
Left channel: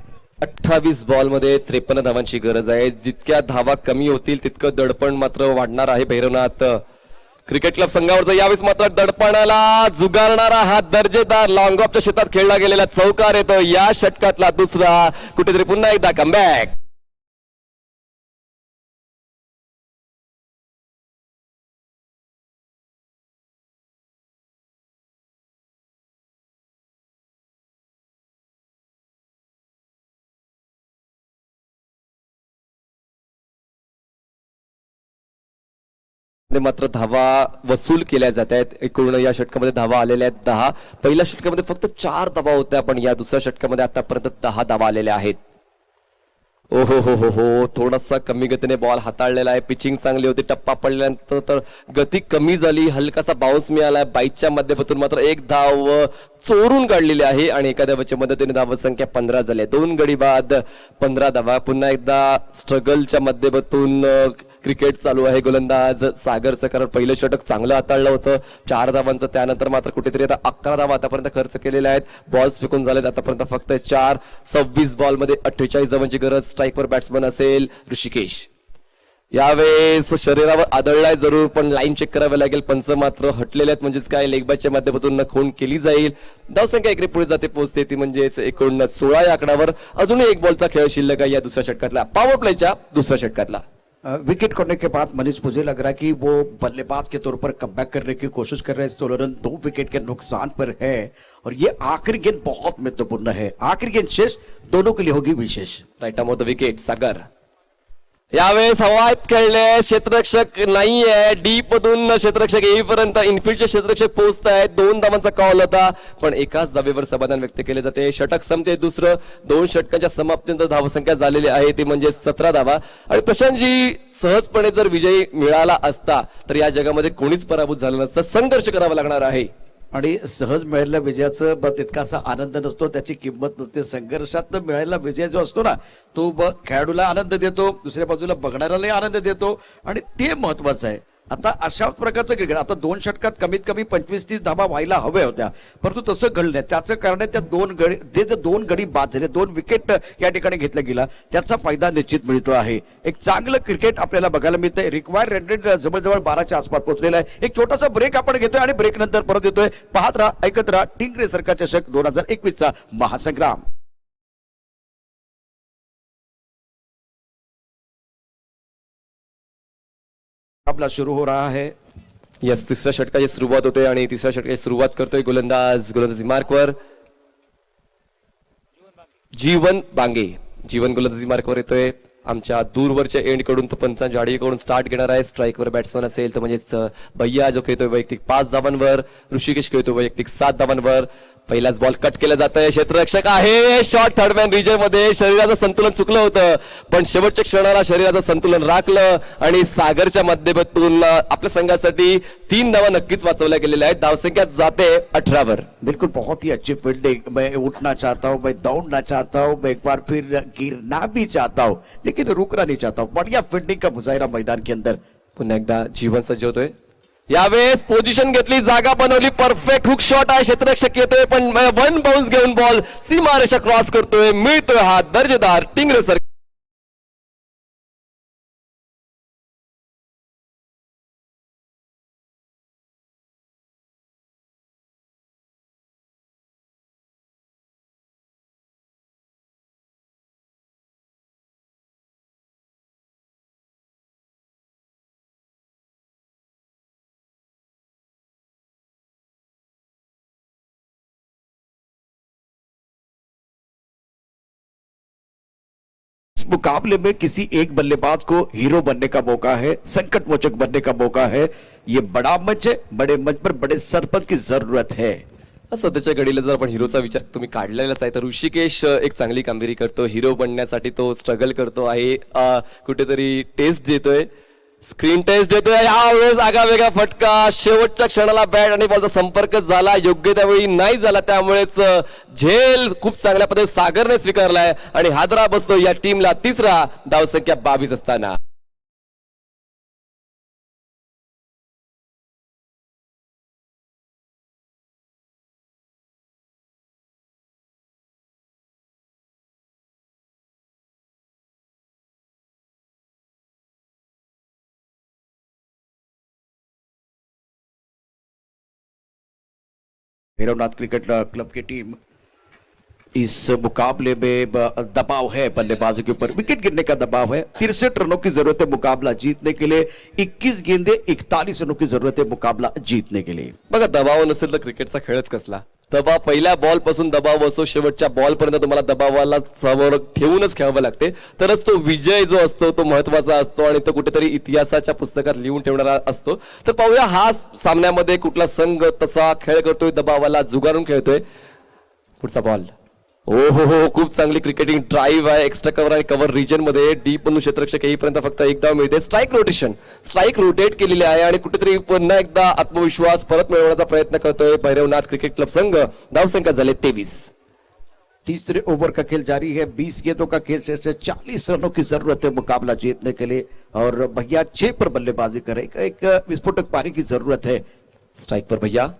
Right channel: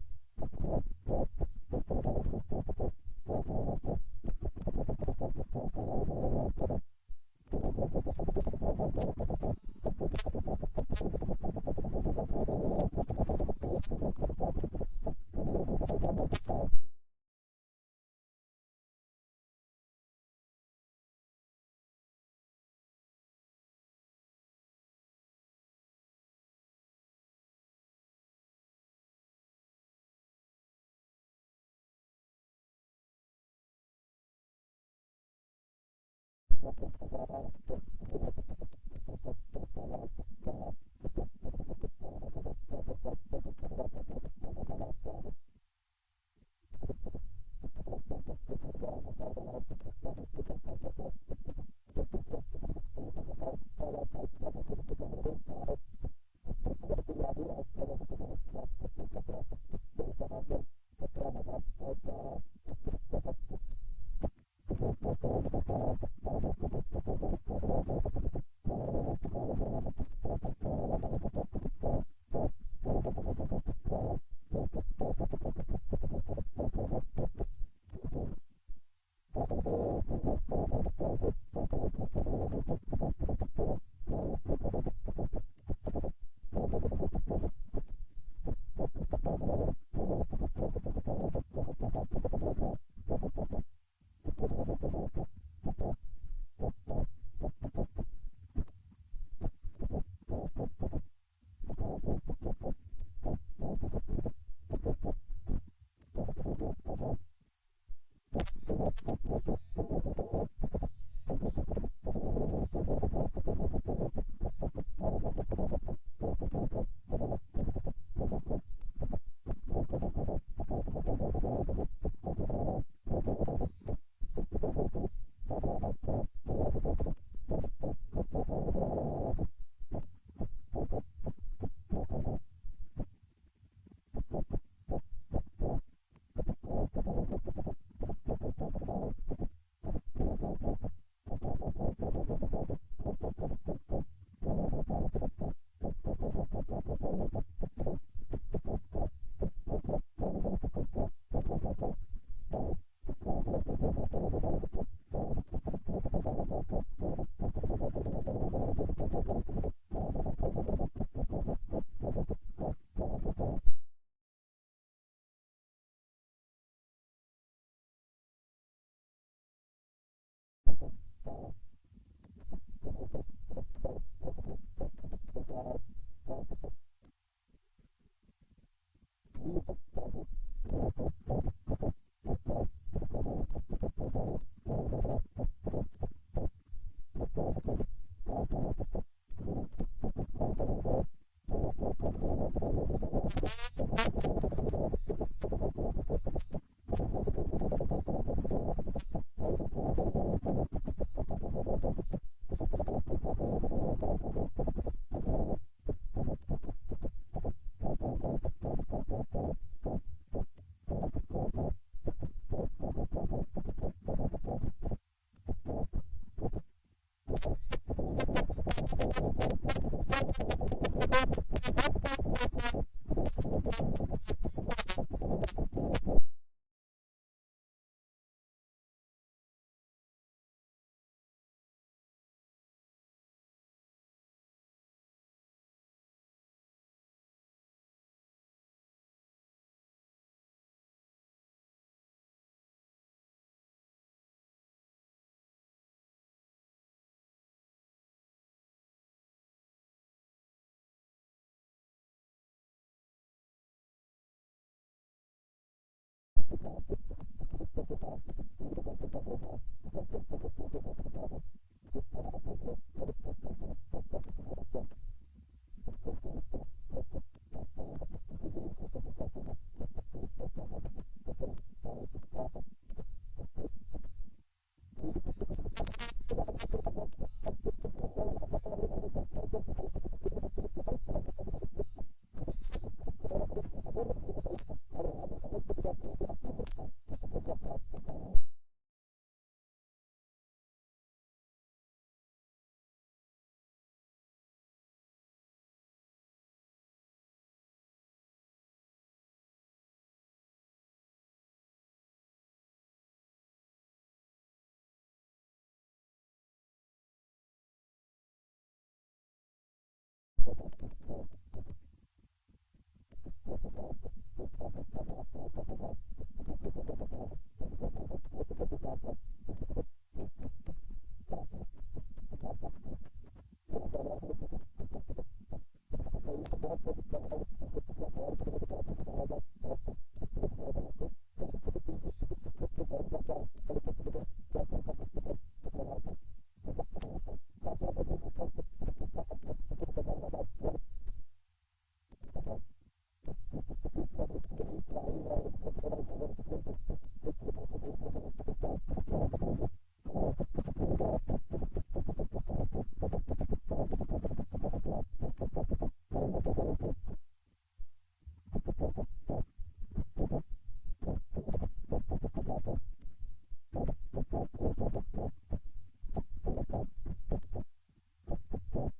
28 बॉल मध्ये 53 धावांची गरज आहे. जितक्या धावा कमी होतील तितकं दडपण मात्र वाढणार आहे भैरवनाथ क्रिकेट क्लब संघावरचं. यावेळेस मात्र दडपणाला जुगारणारा हा दर्जेदार लॉंग ऑफच्या शेतात खेळला गेलेला चौकार येतो. या षटकातला दुसरा. कुठेतरी पुन्हा एकदा कमबॅक. मात्र धावा वसूल केल्या जात आहेत. एकूण या षटकामध्ये धावा आलेल्या आहेत 10. पहिल्या षटकामध्ये फक्त 4 धावा होत्या, पण या दुसऱ्या षटकामध्ये आतापर्यंत 10 धावा आलेल्या आहेत. ओ हो थोडासा कमी गतीने बॉल हाताळलेला आहे. पिचिंग चांगली होती. टप्पा पडल्यानंतर तर गती कमी झाली. हलकासा बाउन्स मिळाला. बाईकच्या माध्यमातून मात्र एक धाव चोरून काढलेली आहे आणि एका धावाच्या मदतीने धाव संख्या 15 झाली. 2 गडी बाद 15 धावा. पुन्हा एकदा स्ट्रगलच्या माध्यमातून क्रिकेट चालू आहे. गोलंदाज सागरचं, कारण पहिलं षटक चांगलं हाताळलं होतं 4 धावांचं. त्यानंतर मात्र कुठेतरी आता 11 धावा आतापर्यंत खर्च केलेल्या आहेत. बॉल्स फेकून झालेत आतापर्यंत फक्त 4. 26 बॉल मध्ये 48 धावांची गरज. स्ट्राईकवर बॅट्समन असेल ऋषिकेश. यावेळेस शरीरावर आदळलाय जरूर, पण लाईन चेक करावी लागेल. पंच मात्र हटलेले आहेत, म्हणजेच काय लेग बॅटच्या माध्यमातून खून केली जाईल. धावसंख्या एकरी पुढे जाते, पोहोचते ती म्हणजेच एकूण 16 या आकड्यावर. अजूनही एक बॉलचा खेळ शिल्लक आहे या दुसऱ्या षटकातला, पॉवर प्लेच्या दुसऱ्या षटकातला. विकेट खोने के बाद मनीष, मुझे लग रहा है कि वो बल्लेबाज के तौर पर कमबैक करने की कोशिश कर रहे हैं. 16 रन 2 विकेट के नुकसान पर है और ये आखिरी गेंद बहुत महत्वपूर्ण है. आखिरी गेंद शेष दोनों के लिए होगी विशेष. Right arm off the wicket Sagar. यावेळेस हवाईत खेळले. क्षेत्ररक्षक नाहीये. डीप मधून क्षेत्ररक्षक येईपर्यंत इनफिल्डचे क्षेत्ररक्षक पोहोचत आहेत. 2 धावांचा कॉल होता, पण एकाच धावेवर समाधान व्यक्त केले जाते. षटक संपते दुसरं. 2 षटकांच्या समाप्तीनंतर धावसंख्या झालेली आहे ती म्हणजे 17 धावा. आणि प्रशांतजी, सहजपणे जर विजय मिळाला असता तर या जगामध्ये कोणीच पराभूत झालं नसतं. संघर्ष करावा लागणार आहे. आणि सहज मिळालेल्या विजयाचं तितकासा आनंद नसतो, त्याची किंमत नसते. संघर्षात मिळालेला विजय जो असतो ना, तो खेळाडूला आनंद देतो, दुसऱ्या बाजूला बघणाऱ्यालाही आनंद देतो आणि ते महत्वाचं आहे. आता अशा प्रकारचं क्रिकेट, आता 2 षटकात कमीत कमी 25-30 धावा व्हायला हव्या होत्या, परंतु तसं घडलं नाही. त्याचं कारण आहे त्या 2 गडी, ते जे 2 गडी बाद झाले, 2 विकेट या ठिकाणी घेतला गेला, त्याचा फायदा निश्चित मिळतो आहे. एक चांगलं क्रिकेट आपल्याला बघायला मिळतंय. रिक्वायर्ड रन रेट जवळजवळ 12च्या आसपास पोहोचलेला आहे. एक छोटासा ब्रेक आपण घेतोय आणि ब्रेक नंतर परत येतोय. पाहत राहा, ऐकत राहा टिंगरे सरकार चषक 2021चा महासंग्राम. आपला सुरू हो रहा है. यस, तिसऱ्या षटकाची सुरुवात होते आणि तिसऱ्या षटकाची सुरुवात करतोय गोलंदाजी मार्कवर जीवन बांगे. जीवन गोलंदाजी मार्कवर येतोय. आमच्या दूरवरच्या एंड कडून तो पंचांच्या आडीकडून स्टार्ट घेणार आहे. स्ट्राईकवर बॅट्समन असेल तर म्हणजेच भैया जो खेळतोय वैयक्तिक 5 धावांवर. ऋषिकेश खेळतोय वैयक्तिक 7 धावांवर. पहिलाच बॉल कट केला जात आहे. क्षेत्ररक्षक आहे. शॉर्ट थर्डमॅन रिजन मध्ये शरीराचं संतुलन चुकलं होतं, पण शेवटच्या क्षणाला शरीराचं संतुलन राखलं आणि सागरच्या माध्यमातून आपल्या संघासाठी 3 धावा नक्कीच वाचवल्या गेलेल्या आहेत. धावसंख्या जाते 18 वर. बिल्कुल, बहुत ही अच्छी फील्डिंग. मैं उठना चाहता हूं, मैं दौड़ना चाहता हूं, मैं एक बार फिर गिरना भी चाहता हूं, लेकिन रुकना नहीं चाहता हूं. बढ़िया फील्डिंग का मुजाहिरा मैदान के अंदर. पुन्हा एकदा जीवन सज्ज होतोय. यावेळेस पोझिशन घेतली, जागा बनवली. परफेक्ट हुक शॉट आहे. क्षेत्ररक्षक येतोय, पण 1 बाउन्स घेऊन बॉल सीमारेषा क्रॉस करतोय. मिळतोय हा दर्जेदार टिंगरे सर. मुकाबले में किसी एक बल्लेबाज को हीरो बनने का मौका है, संकट मोचक बनने का मौका है. ये बड़ा मंच है, बड़े मंच पर बड़े सरपंच की जरूरत है. सध्याच्या घडीला जर आपण हिरोचा विचार तुम्ही काढलेलाच आहे तर ऋषिकेश एक चांगली कामगिरी करतो. हिरो बनण्यासाठी तो स्ट्रगल करतो आहे. कुठेतरी टेस्ट देतोय, स्क्रीन टेस्ट देतोय. यावेळेस आगावेगळा फटका. शेवटच्या क्षणाला बॅट आणि बॉलचा संपर्क झाला, योग्य त्यावेळी नाही झाला. त्यामुळेच झेल खूप चांगल्या पद्धतीने सागरने स्वीकारलाय आणि हादरा बसतो या टीमला. तिसरा धावसंख्या 22 असताना. भैरवनाथ क्रिकेट क्लब की टीम, इस मुकाबले में दबाव है बल्लेबाजों के ऊपर, विकेट गिरने का दबाव है. 63 रनों की जरूरत है मुकाबला जीतने के लिए. 21 गेंदे 41 रनों की जरूरत है मुकाबला जीतने के लिए. बघा, दबाव नसेल तर क्रिकेटचा खेळच कसला. दबाव पहिल्या बॉल पासून दबाव असतो, शेवटच्या बॉल पर्यंत तुम्हाला दबावाला समोर ठेवूनच खेळावं लागते, तरच तो विजय जो असतो तो महत्वाचा असतो आणि तो कुठेतरी इतिहासाच्या पुस्तकात लिहून ठेवणारा असतो. तर पाहूया हा सामन्यामध्ये कुठला संघ तसा खेळ करतोय, दबावाला जुगारून खेळतोय. पुढचा बॉल हो खूप चांगली क्रिकेटिंग ड्राईव्ह आहे. एक्स्ट्रा कव्हर आणि कव्हर रिजन मध्ये डीप मधून क्षेत्ररक्षक येईपर्यंत फक्त एक धाव मिळते. स्ट्राईक रोटेशन, स्ट्राईक रोटेट केलेली आहे आणि कुठेतरी पुन्हा एकदा आत्मविश्वास परत मिळवण्याचा प्रयत्न करतोय भैरवनाथ क्रिकेट क्लब संघ. धावसंख्या झाले 23. तीसरे ओवर का खेल जारी है. 20 गेंदों का खेल शेष है. 40 रनों की जरूरत है मुकाबला जीतने के लिए और भैया 6 पर बल्लेबाजी करे. एक विस्फोटक पारी की जरूरत है. स्ट्राईक पर भैया.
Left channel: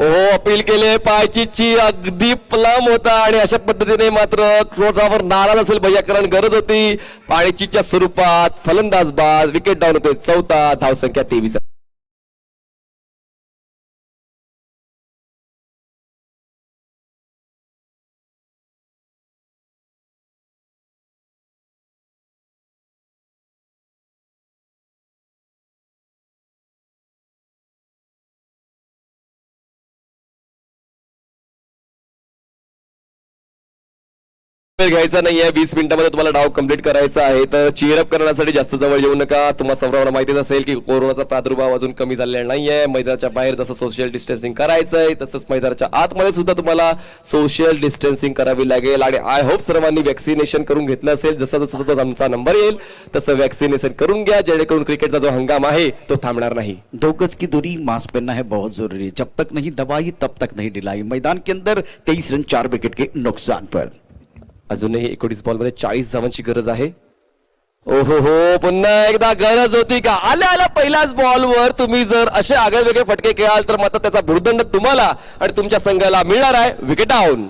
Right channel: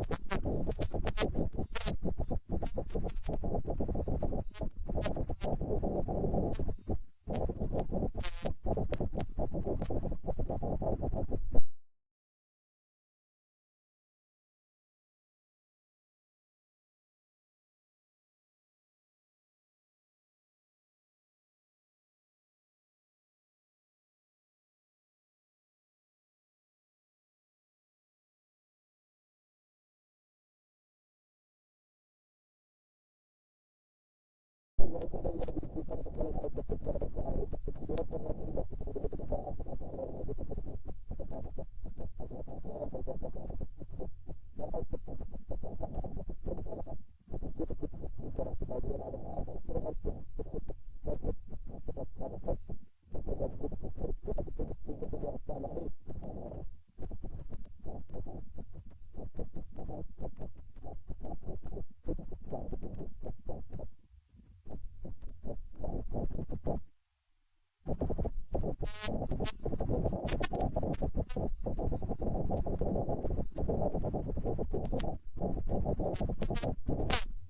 अपील केले पायचीची अगदी प्लम होता आणि अशा पद्धतीने मात्र क्रोधावर नाराज असेल भैया, कारण गरज होती पायचीच्या स्वरूपात. फलंदाज बाद, विकेट डाऊन होते. 4था, धावसंख्या 23. वेळ घ्यायचा नाहीये. 20 मिनिटांमध्ये तुम्हाला डाव कंप्लीट करायचा आहे. तर चीअरअप करण्यासाठी जास्त जवळ येऊ नका. तुम्हाला सर्वांना माहितीच असेल की कोरोनाचा प्रादुर्भाव अजून कमी झालेला नाहीये. मैदानाच्या बाहेर जसं सोशल डिस्टन्सिंग करायचंय तसंच मैदानाच्या आतमध्ये सुद्धा तुम्हाला सोशल डिस्टन्सिंग करावी लागेल. आणि आय होप सर्वांनी वॅक्सिनेशन करून घेतलं असेल. जसं जसं आमचा नंबर येईल तसं वॅक्सिनेशन करून घ्या, जेणेकरून क्रिकेटचा जो हंगाम आहे तो थांबणार नाही. 2 गज की दूरी, मास्क पहनना है बहुत जरूरी है. जब तक नहीं दवाई तब तक नहीं ढिलाई. मैदान के अंदर 23 रन 4 विकेट के नुकसान पर. अजूनही 19 बॉल मध्ये 40 धावांची गरज आहे. पुन्हा एकदा गरज होती का? आल्या पहिल्याच बॉलवर तुम्ही जर असे आगळे वेगळे फटके खेळाल तर मात्र त्याचा भुर्दंड तुम्हाला आणि तुमच्या संघाला मिळणार आहे. Wicket down.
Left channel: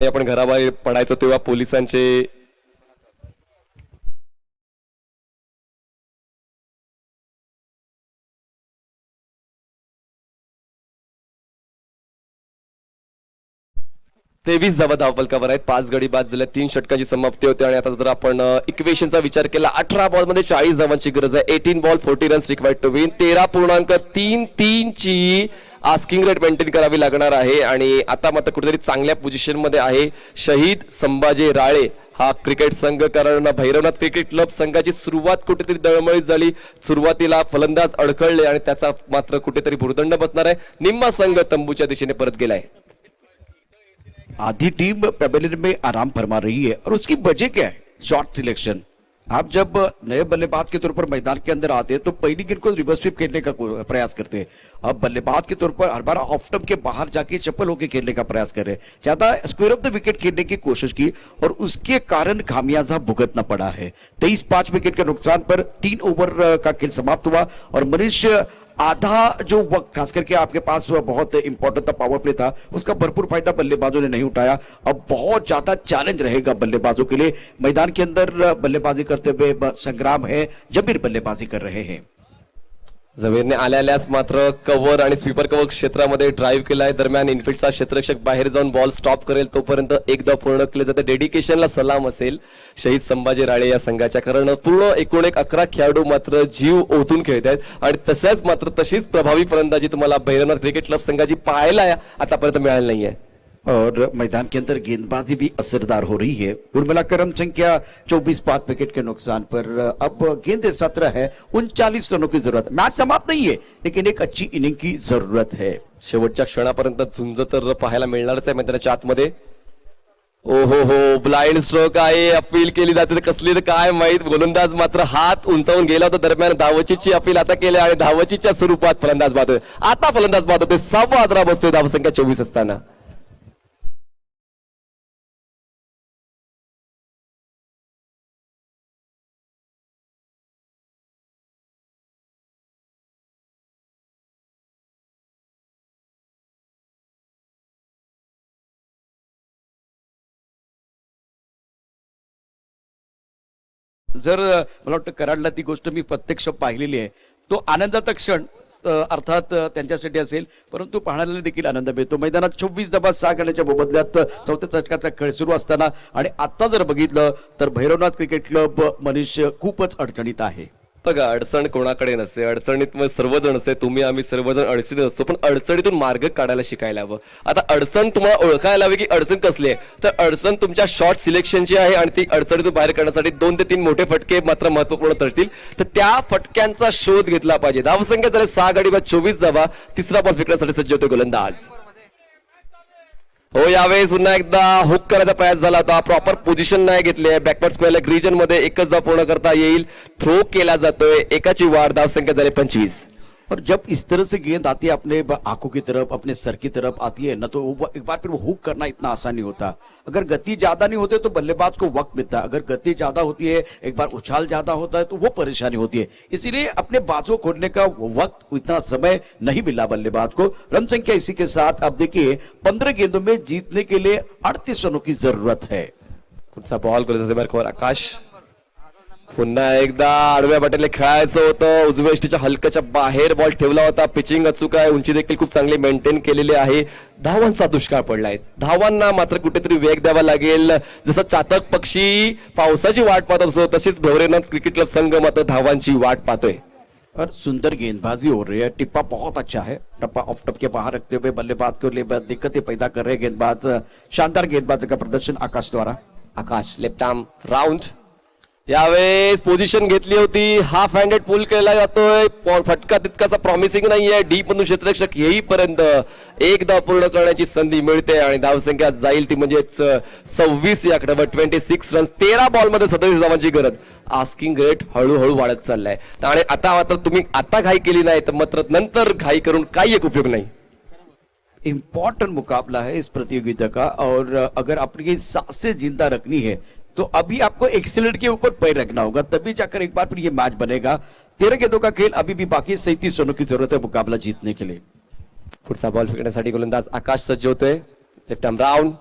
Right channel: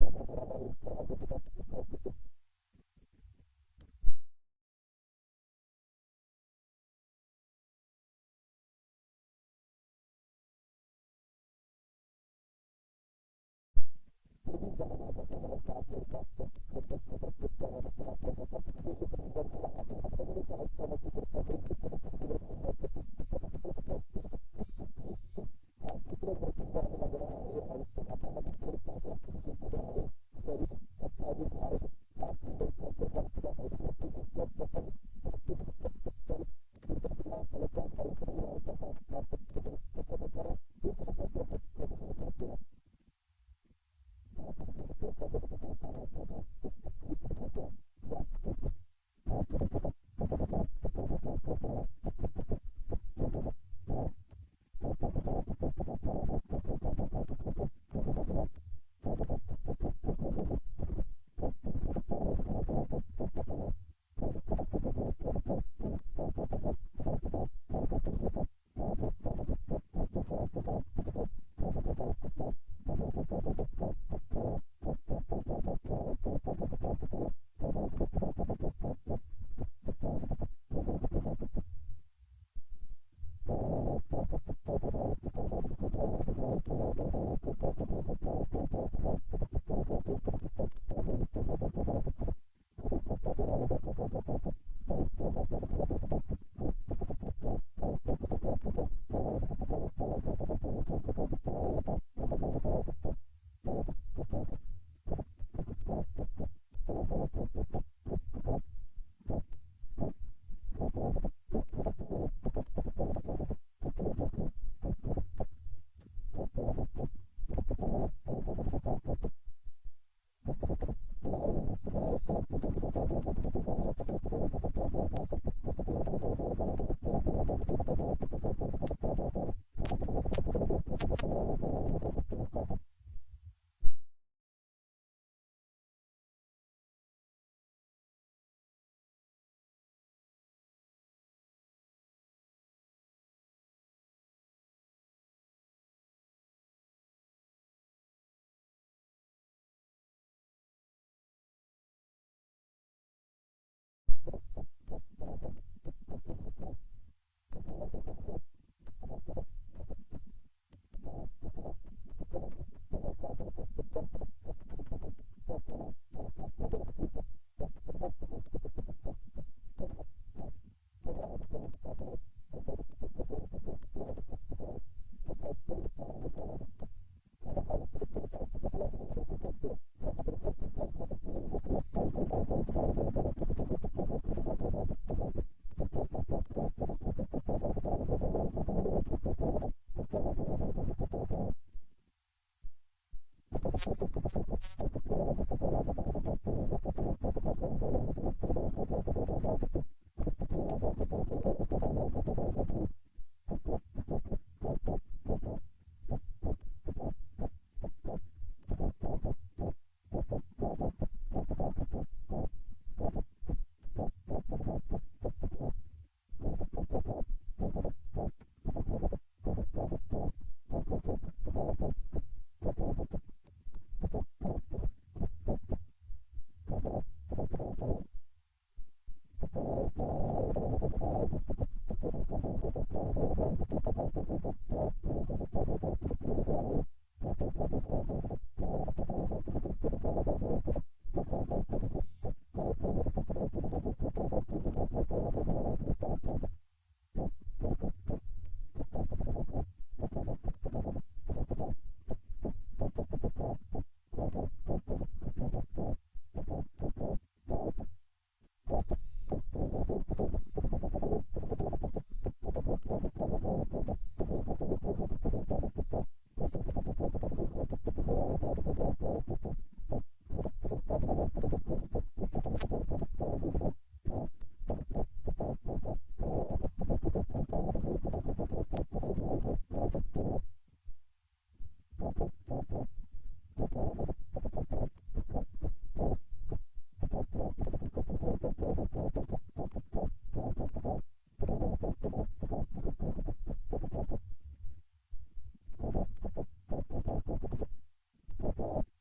आपण घराबाहेर पडायचो तेव्हा पोलिसांचे तेवीस धावा धावफलकावर आहेत. 5 गडी बाद झाल्या. 3 षटकांची समाप्ती होते. आणि आता जर आपण इक्वेशनचा विचार केला 18 बॉल मध्ये 40 धावांची गरज आहे. 18 ball 40 runs required to win. 13.33 ची आस्किंग रेट मेंटेन करावी लागणार आहे. आणि आता मात्र कुठेतरी चांगल्या पोझिशन मध्ये आहे शहीद संभाजी राळे हा क्रिकेट संघ, कारण भैरवनाथ क्रिकेट क्लब संघाची सुरुवात कुठेतरी दळमळीत झाली. सुरुवातीला फलंदाज अडखळले आणि त्याचा मात्र कुठेतरी भुर्दंड बसणार आहे. निम्मा संघ तंबूच्या दिशेने परत गेलाय. आधी टीम पेवेलियन में आराम फरमा रही है और उसकी वजह क्या है? Shot selection. आप जब नए बल्लेबाज के तौर पर मैदान के अंदर आते हैं तो पहली गेंद को रिवर्स स्वीप खेलने का प्रयास करते हैं. अब बल्लेबाज के तौर पर हर बार ऑफ स्टंप के बाहर जाके चप्पल होके खेलने का प्रयास कर रहे हैं. ज्यादा स्क्वायर ऑफ द विकेट खेलने की कोशिश की और उसके कारण खामियाजा भुगतना पड़ा है. 23-5 विकेट के नुकसान पर 3 ओवर का खेल समाप्त हुआ और मनीष आधा जो वक्त खास करके आपके पास बहुत इंपॉर्टेंट था, पावर प्ले था, उसका भरपूर फायदा बल्लेबाजों ने नहीं उठाया. अब बहुत ज्यादा चैलेंज रहेगा बल्लेबाजों के लिए. मैदान के अंदर बल्लेबाजी करते हुए संग्राम है. जमीर बल्लेबाजी कर रहे हैं. जमीरने आल्यास मात्र कव्हर आणि स्वीपर कव्हर क्षेत्रामध्ये ड्राईव्ह केलाय. दरम्यान इनफिल्डचा क्षेत्ररक्षक बाहेर जाऊन बॉल स्टॉप करेल तोपर्यंत एकदा पूर्ण केले जाते. डेडिकेशनला सलाम असेल शहीद संभाजी राळे या संघाच्या, कारण पूर्ण एकूण 11 खेळाडू मात्र जीव ओतून खेळत आहेत. आणि तसंच मात्र तशीच प्रभावी फलंदाजी तुम्हाला भैरवनाथ क्रिकेट क्लब संघाची पाहायला आतापर्यंत मिळाली नाहीये. और मैदान के अंदर गेंदबाजी भी असरदार हो रही है. कुल मिलाकर हम संख्या 24-5 विकेट के नुकसान पर. अब गेंद 17 है. 39 रनों की जरूरत. मैच समाप्त नहीं है लेकिन एक अच्छी इनिंग की जरूरत है. शेवटच्या क्षणापर्यंत झुंज तर पाहायला मिळणारच आहे मैदानाच्या आतमध्ये. ब्लाइंड स्ट्रोक आहे. अपील केली जाते तर कसली तर काय माहित. गोलंदाज मात्र हात उंचावून गेला होता. दरम्यान धावचीची अपील आता केली आणि धावचीच्या स्वरूपात फलंदाज बाद होते. आता फलंदाज बाद होते. 6वा आदरा बसतोय धावसंख्या 24 असताना. जर मला वाटतं कराडला ती गोष्ट मी प्रत्यक्ष पाहिलेली आहे. तो आनंदाचा क्षण अर्थात त्यांच्यासाठी असेल, परंतु पाहणाऱ्याला देखील आनंद मिळतो. मैदानात 24 धावा 6 करण्याच्या मोबदल्यात 4थ्या षटकाचा खेळ सुरू असताना आणि आता जर बघितलं तर भैरवनाथ क्रिकेट क्लब मनीष खूपच अडचणीत आहे. बघा, अडचण कोणाकडे नसते, अडचणीत मग सर्वजण असते, तुम्ही आम्ही सर्वजण अडचणीत असतो, पण अडचणीतून मार्ग काढायला शिकायला हवं. आता अडचण तुम्हाला ओळखायला हवी की अडचण कसली आहे, तर अडचण तुमच्या शॉर्ट सिलेक्शनची आहे आणि ती अडचणीतून बाहेर काढण्यासाठी 2 ते 3 मोठे फटके मात्र महत्वपूर्ण ठरतील. तर त्या फटक्यांचा शोध घेतला पाहिजे. धावसंख्या झाले 6 गडी बाद 24 धावा. तिसरा बॉल फेकण्यासाठी सज्ज होते गोलंदाज. हो, यावेळेस पुन्हा एकदा हुक करायचा प्रयास झाला होता. प्रॉपर पोझिशन नाही घेतली आहे. बॅकवर्ड स्क्वेअर लेग रिजन मध्ये एकच धाव पूर्ण करता येईल. थ्रो केला जातोय. एकाची वाढ. धावसंख्या झाली 25. और जब इस तरह से गेंद आती है अपने आंखों की तरफ, अपने सर की तरफ आती है ना, तो एक बार फिर वो हुक करना इतना आसान नहीं होता. अगर गति ज्यादा नहीं होती तो बल्लेबाज को वक्त मिलता है. अगर गति ज्यादा होती है, एक बार उछाल ज्यादा होता है, तो वो परेशानी होती है. इसीलिए अपने बाजू खोलने का वक्त, इतना समय नहीं मिला बल्लेबाज को. रन संख्या इसी के साथ अब देखिए 15 गेंदों में जीतने के लिए 38 रनों की जरूरत है. पुढचा बॉल गोलंदाज आकाश. पुन्हा एकदा आडव्या बाटेला खेळायचं होतं. उजव्या यष्टीच्या हलक्याच्या बाहेर बॉल ठेवला होता. पिचिंग अचूक आहे. उंची देखील खूप चांगली मेंटेन केलेली आहे. धावांचा दुष्काळ पडलाय. धावांना मात्र कुठेतरी वेग द्यावा लागेल. जसं चातक पक्षी पावसाची वाट पाहत असतो, तशीच भवरेनाथ क्रिकेट क्लब संघ मात्र धावांची वाट पाहतोय. और सुंदर गेंदबाजी हो रही है. टिप्पा बहुत अच्छा है. टप्पा ऑफ टप के बाहर रखते हुए बल्लेबाज को दिक्कतें पैदा कर रहे गेंदबाज. शानदार गेंदबाजी का प्रदर्शन आकाश द्वारा. आकाश लेफ्ट आर्म राऊंड. यावेळेस पोझिशन घेतली होती. हाफ हँडेड पुल केला जातोय. फटका तितकासा प्रॉमिसिंग नाहीये. डीप मधून क्षेत्ररक्षक येईपर्यंत एक धाव पूर्ण करण्याची संधी मिळते आणि धावसंख्या जाईल ती म्हणजेच 26 या आकड्यावर 26 रन. 13 बॉल मध्ये 27 धावांची गरज. आस्किंग रेट हळूहळू वाढत चाललाय आणि आता मात्र तुम्ही आता घाई केली नाही तर मात्र नंतर घाई करून काही एक उपयोग नाही. इंपॉर्टेंट मुकाबला है इस प्रतियोगिता का, और अगर अपनी सांसें जिंदा रखनी है तो अभी आपको एक्सीलेंट के ऊपर पैर रखना होगा, तभी जाकर एक बार फिर ये मैच बनेगा. 13 गेंदों का खेल अभी भी बाकी. 37 रनों की जरूरत है मुकाबला जीतने के लिए. पुढचा बॉल फेकण्यासाठी गोलंदाज आकाश सज्ज होतोय. Left arm round.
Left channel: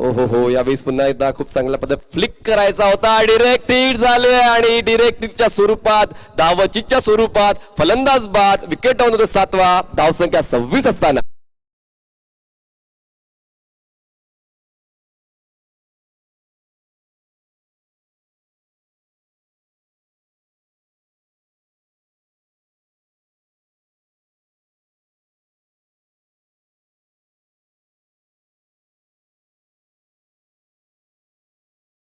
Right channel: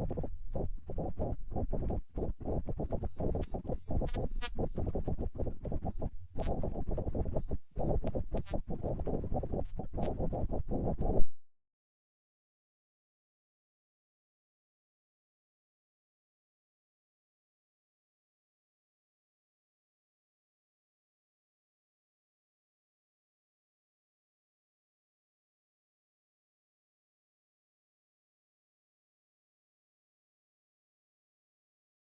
हो, यावेळेस पुन्हा एकदा खूप चांगल्या पद्धत फ्लिक करायचा होता. डिरेक्ट हिट झाले आणि डिरेक्ट हिटच्या स्वरूपात, धावचीच्या स्वरूपात फलंदाज बाद. विकेट डाऊन होतो 7वा. धावसंख्या 26 असताना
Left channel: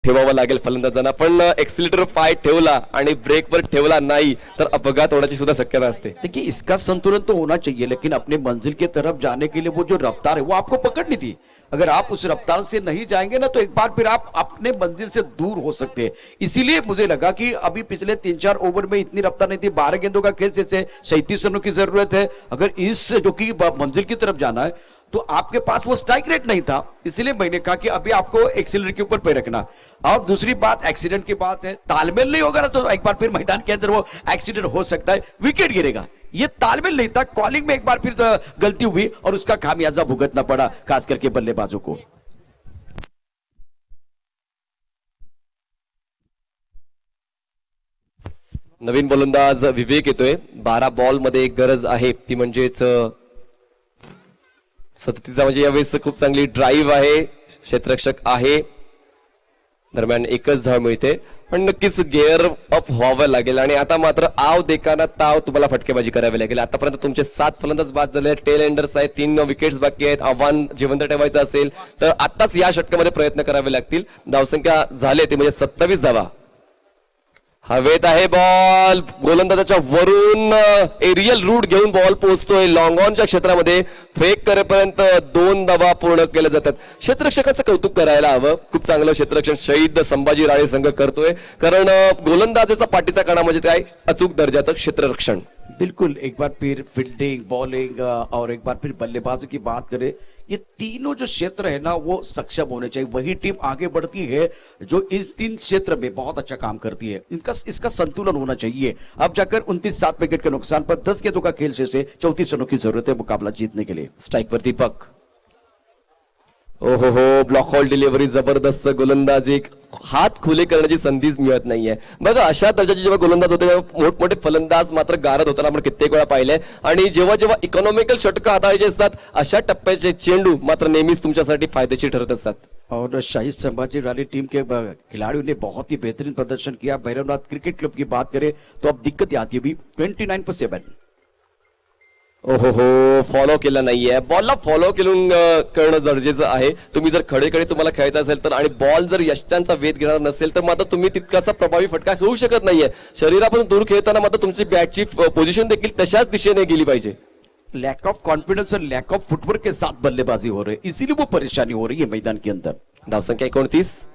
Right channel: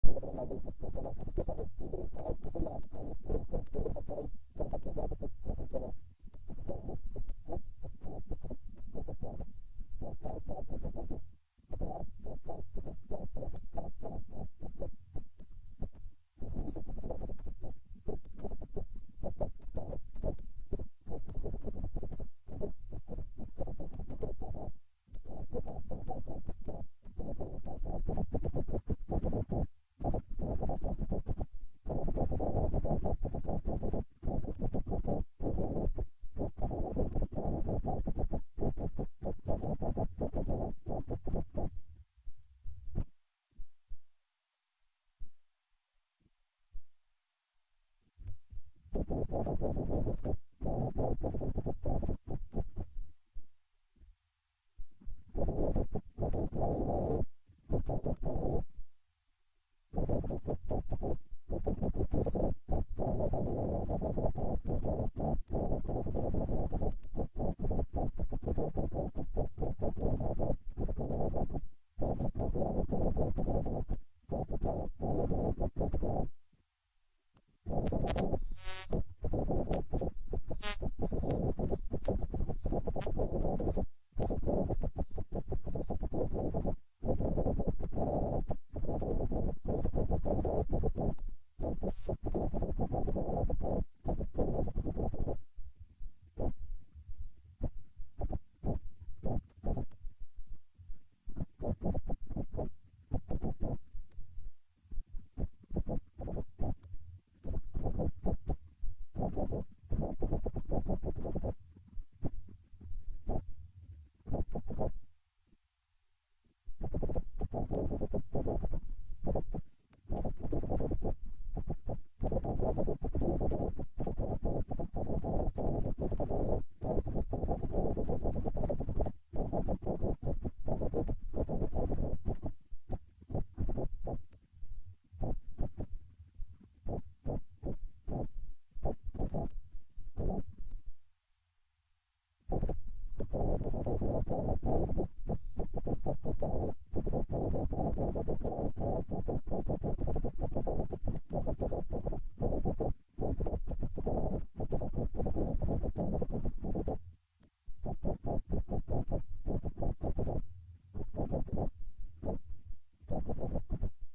ठेवावं लागेल फलंदाजांना. पण एक्सिलेटर पाय ठेवला आणि ब्रेकवर ठेवला नाही तर अपघात होण्याची सुद्धा शक्यता असते. देखिए इसका संतुलन तो होना चाहिए, लेकिन अपने मंजिल की तरफ जाने के लिए वो जो रफ्तार है वो आपको पकड़नी थी. अगर आप उस रफ्तार से नहीं जाएंगे ना तो एक बार फिर आप अपने मंजिल से दूर हो सकते हैं. इसीलिए मुझे लगा कि अभी पिछले 3-4 ओवर में इतनी रफ्तार नहीं थी. 12 गेंदों का खेल जैसे 37 रनों की जरूरत है. अगर इस जो कि मंजिल की तरफ जाना है तो आपके पास वो स्ट्राइक रेट नहीं था. इसलिए मैंने कहा कि अभी आपको एक्सीलरेटर के ऊपर पैर रखना. और दूसरी बात एक्सीडेंट की बात है. तालमेल नहीं होगा ना तो एक बार फिर मैदान के अंदर वो एक्सीडेंट हो सकता है. विकेट गिरेगा. ये तालमेल नहीं था. कॉलिंग में एक बार फिर गलती हुई और उसका खामियाजा भुगतना पड़ा खास करके बल्लेबाजों को. नवीन गोलंदाज विवेक येतोय. 12 बॉल मध्ये एक गरज आहे ती म्हणजेच 37 म्हणजे यावेळेस खूप चांगली ड्राईव्ह आहे. क्षेत्ररक्षक आहे. दरम्यान एकच धाव मिळते पण नक्कीच गिअर अप व्हावं लागेल आणि आता मात्र आव देखाना ताव तुम्हाला फटकेबाजी करावी लागेल. आतापर्यंत तुमचे 7 फलंदाज बाद झाले. टेल एंडर्स आहेत. 3 विकेट्स बाकी आहेत. आव्हान जिवंत ठेवायचं असेल तर आताच या षटकामध्ये प्रयत्न करावे लागतील. धावसंख्या झाले ते म्हणजे 27 धावा. हवेत आहे बॉल. गोलंदाजाच्या वरून एरियल रूट घेऊन बॉल पोहोचतोय. लॉंग ऑनच्या क्षेत्रामध्ये फेक करेपर्यंत 2 धावा पूर्ण केल्या जातात. क्षेत्ररक्षकाचं कौतुक करायला हवं. खूप चांगलं क्षेत्ररक्षण शहीद संभाजी राळे संघ करतोय, कारण गोलंदाजाचा पाठीचा कणा म्हणजे काय अचूक दर्जाचं क्षेत्ररक्षण. बिल्कुल. एक बार फिर फील्डिंग, बॉलिंग और एक बार फिर बल्लेबाजों की बात करें, ये तीनों जो क्षेत्र है ना वो सक्षम होने चाहिए. वही टीम आगे बढ़ती है जो इस 3 क्षेत्र में बहुत अच्छा काम करती है. इसका संतुलन होना चाहिए. अब जाकर 29-7 विकेट के नुकसान पर 10 गेंदों का खेल से 34 रनों की जरूरत है मुकाबला जीतने के लिए. स्ट्राइक पर दीपक. ओहो हो, ब्लॉक हॉल डिलिव्हरी, जबरदस्त गोलंदाजी, हात खुले करण्याची संधीच मिळत नाहीये. बघा अशा दर्जाचे जेव्हा गोलंदाज होते तेव्हा मोठमोठे फलंदाज मात्र गारद होताना आपण कित्येक वेळा पाहिले. आणि जेव्हा जेव्हा इकॉनॉमिकल षटकं हाताळायचे असतात अशा टप्प्याचे चेंडू मात्र नेहमीच तुमच्यासाठी फायदेशीर ठरत असतात. और शाही संभाजी रानी टीम के खिलाड़ियों ने बहुत ही बेहतरीन प्रदर्शन किया. भैरवनाथ क्रिकेट क्लब की बात करें तो अब दिक्कत आती है अभी 29/7. ओहो हो, फॉलो केला नाहीये. बॉलला फॉलो करणं गरजेचं आहे. तुम्ही जर खडे तुम्हाला खेळायचं असेल तर आणि बॉल जर यष्टांचा वेध घेणार नसेल तर मात्र तुम्ही तितकासा प्रभावी फटका खेळू शकत नाहीये. शरीरापासून दूर खेळताना मात्र तुमची बॅटची पोझिशन देखील तशाच दिशेने गेली पाहिजे. लैक ऑफ कॉन्फिडेंस और लैक ऑफ फुटवर्क के साथ बल्लेबाजी हो रही है, इसीलिए वो परेशानी हो रही है मैदान के अंदर. धावसंख्या 29.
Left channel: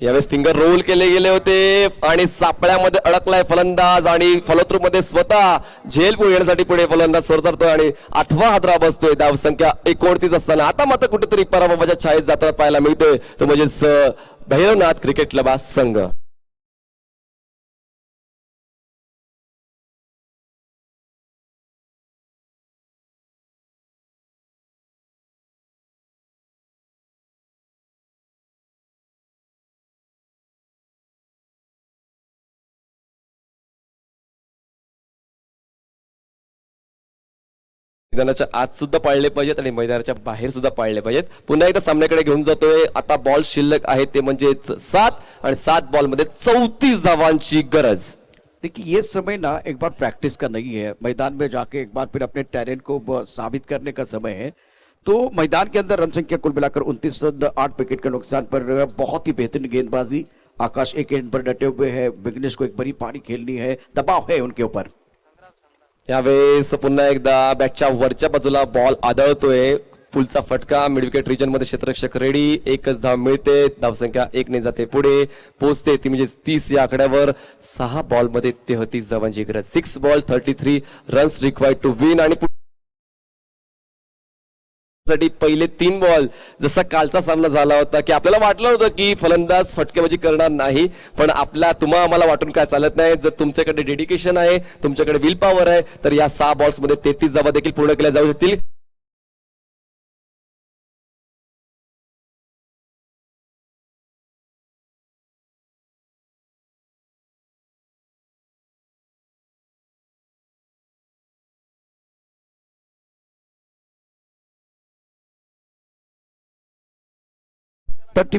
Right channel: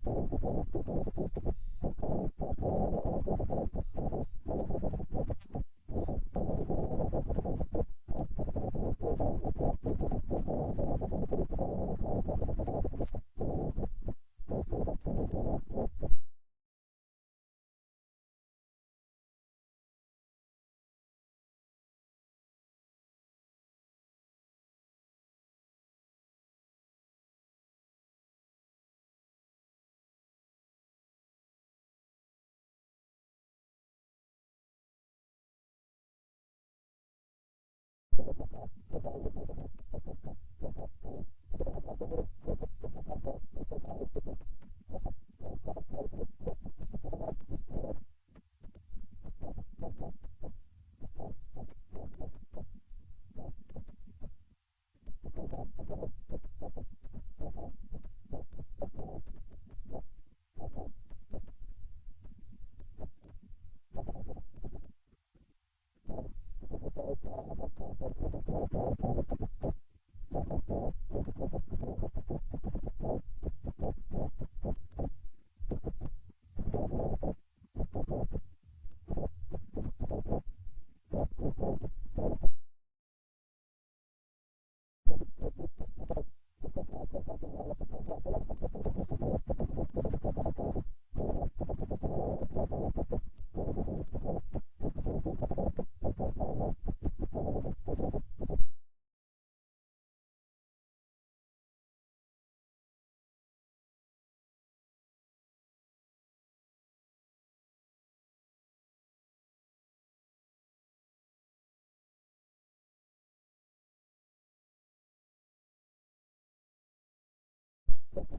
यावेळेस फिंगर रोल केले गेले होते आणि सापळ्यामध्ये अडकलाय फलंदाज आणि फॉलोथ्रू स्वतः झेल येण्यासाठी पुढे फलंदाज सरतोय आणि 8वा हादरा बसतोय. धावसंख्या 29 असताना आता मात्र कुठेतरी पराभवाच्या छायेत जाताना पाहायला मिळतोय तो म्हणजेच भैरवनाथ क्रिकेट क्लब हा संघ. मैदानाच्या आत सुद्धा पाळले पाहिजेत आणि मैदानाच्या बाहेर सुद्धा पाळले पाहिजेत. पुन्हा एकदा सामन्याकडे घेऊन जातोय. आता बॉल शिल्लक आहे ते म्हणजे 7 आणि 7 बॉल मध्ये 34 धावांची गरज. देखिए ये समय ना एक बार प्रैक्टिस का नहीं है, मैदान में जाके एक बार फिर अपने टैलेंट को साबित करने का समय है. तो मैदान के अंदर रन संख्या कुल मिलाकर 29 रन, 8 विकेट के नुकसान पर बहुत ही बेहतरीन गेंदबाजी. आकाश एक एंड पर डटे हुए है, विघ्नेश को एक बड़ी पारी खेलनी है, दबाव है उनके ऊपर. यावेळेस पुन्हा एकदा बॅटच्या वरच्या बाजूला बॉल आदळतोय. पुलचा फटका मिड विकेट रिजन मध्ये क्षेत्ररक्षक रेडी. एकच धाव मिळते. धावसंख्या 1 ने जाते पुढे पोहोचते ती म्हणजे 30 या आकड्यावर. 6 बॉल मध्ये 33 धावांची गरज. 6 ball 33 runs required to win. आणि पहिले 3 बॉल जसा कालचा सामना झाला होता की आपल्याला वाटलं होतं की फलंदाज फटकेबाजी करणार नाही, पण तुम्हाला आम्हाला वाटून काय चालत नाही. जर तुमच्याकडे डेडिकेशन आहे, तुमच्याकडे विल पॉवर आहे तर या 6 बॉल्स मध्ये 33 धावा देखील पूर्ण केल्या जाऊ शकतील.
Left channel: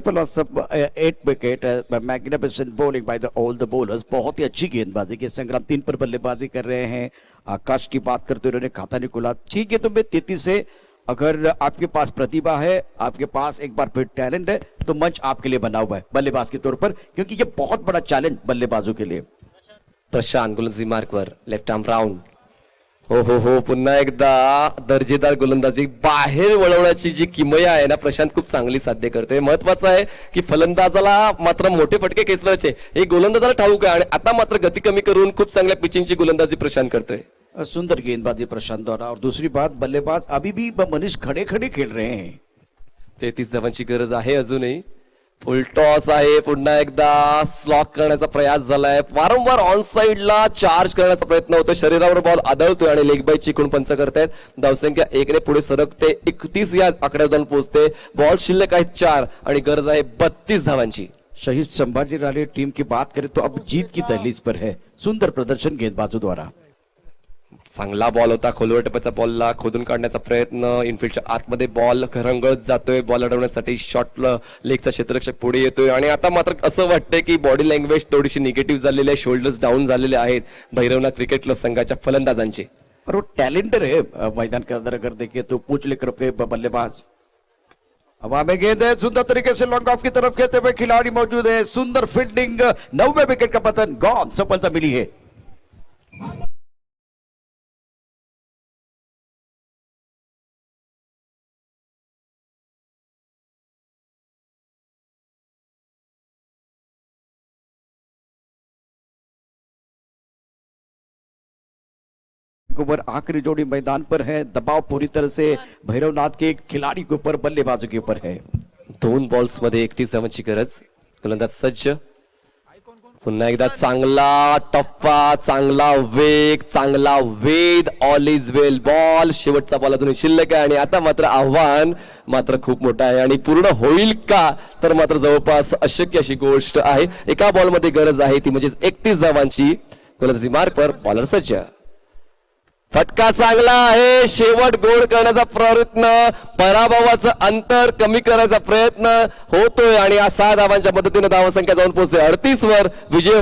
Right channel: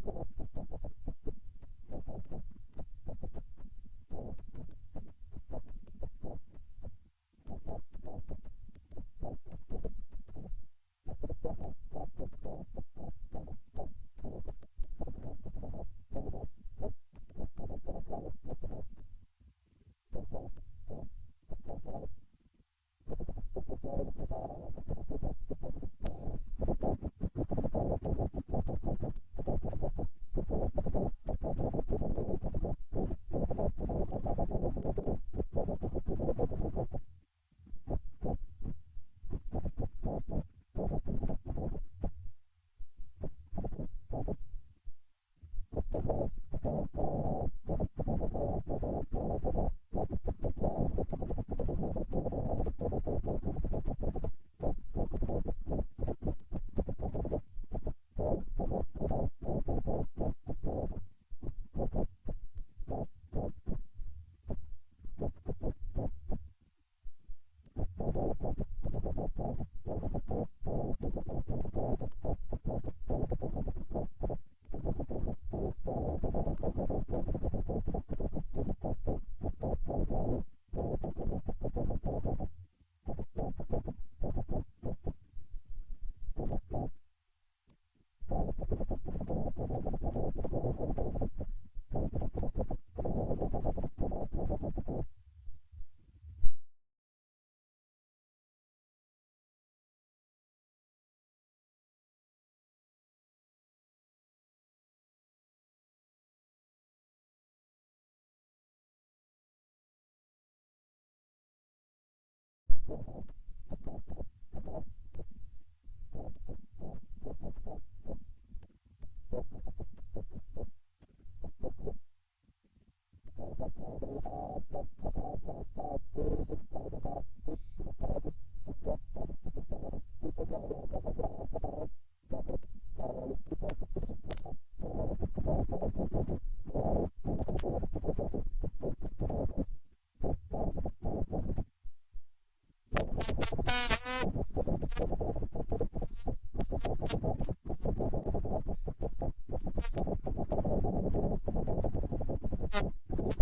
Plus 8 wicket. Magnificent bowling bye all the bowlers. बहुत ही अच्छी गेंदबाजी की. संग्राम 3 पर बल्लेबाजी कर रहे हैं. आकाश की बात करते हुए उन्होंने खाता नहीं खुला. ठीक है, तो मैं 33 से अगर आपके पास प्रतिभा है, आपके पास एक बार फिर टैलेंट है तो मंच आपके लिए बना हुआ है बल्लेबाज के तौर पर, क्योंकि ये बहुत बड़ा चैलेंज बल्लेबाजों के लिए. प्रशांत गोलंदाजी मार्कवर लेफ्ट आर्म राऊंड. हो, पुन्हा एकदा दर्जेदार गोलंदाजी. बाहेर वळवण्याची जी किमया आहे ना प्रशांत खूप चांगली साध्य करते. महत्वाचं आहे की फलंदाजाला मात्र मोठे फटके खेचण्याचे हे गोलंदाजाला ठाऊक आहे आणि आता मात्र गती कमी करून खूप चांगल्या पिचिंगची गोलंदाजी प्रशांत करतोय. सुंदर गेंदबाजी प्रशांत द्वारा. और दूसरी बात, बल्लेबाज अभी भी मनीष खड़े खड़े खेल रहे हैं. 33 धावांची गरज आहे अजूनही. फुल टॉस आहे. पुन्हा एकदा स्लॉक करण्याचा प्रयास झालाय. वारंवार ऑन साइडला चार्ज करण्याचा प्रयत्न होतो. शरीरावर बॉल आदळतोय आणि लेग बाय चिकून पंच करतायत. धावसंख्या 1 ने पुढे सरकते. 31 या आकड्यावर जाऊन पोहोचते. बॉल शिल्लक आहेत 4 आणि गरज आहे 32 धावांची. शहीद संभाजी राणे टीम की बात करें तो अब जीत की दहलीज पर है. सुंदर प्रदर्शन गेंदबाजों द्वारा. चांगला बॉल होता. खोलवर टप्प्याच्या बॉलला खोदून काढण्याचा प्रयत्न. इनफिल्डच्या आतमध्ये बॉल रंगळत जातोय. बॉल अडवण्यासाठी शॉर्ट लेगचा क्षेत्ररक्षक पुढे येतोय आणि आता मात्र असं वाटतंय की बॉडी लँग्वेज थोडीशी निगेटिव्ह झालेली आहे. शोल्डर्स डाऊन झालेले आहेत भैरवनाथ क्रिकेट क्लब संघाच्या फलंदाजांचे. और वो टैलेंटर है मैदान के अंदर. अगर देखिए तो पूंछ लेकर के बल्लेबाज. हवा में गेंद है, सुंदर तरीके से लॉन्ग ऑफ की तरफ खेलते हुए खिलाड़ी मौजूद है. सुंदर फील्डिंग. 9वें विकेट का पतन. गॉन. सफलता मिली है. ओवर आखिरी जोड़ी मैदान पर है. दबाव पूरी तरह से भैरवनाथ के खिलाड़ी के ऊपर, बल्लेबाजों के ऊपर है. 2 बॉल्स मध्ये 31 धावांची गरज. गोलंदाज सज्ज. पुन्हा एकदा चांगला टप्पा, चांगला वेग, चांगला वेध. All is well ball. शेवटचा बॉल अजून शिल्लक आहे आणि आता मात्र आव्हान मात्र खूप मोठं आहे आणि पूर्ण होईल का तर मात्र जवळपास अशक्य अशी गोष्ट आहे. एका बॉलमध्ये गरज आहे ती म्हणजे 31 धावांची. गोलंदाजी मार्क पर बॉलर सज्ज. फटका चांगला आहे. शेवट गोल करण्याचा प्रयत्न, पराभवाचं अंतर कमी करायचा प्रयत्न होतोय आणि या 6 धावांच्या मदतीने धावसंख्या जाऊन पोहोचते 38 वर. विजय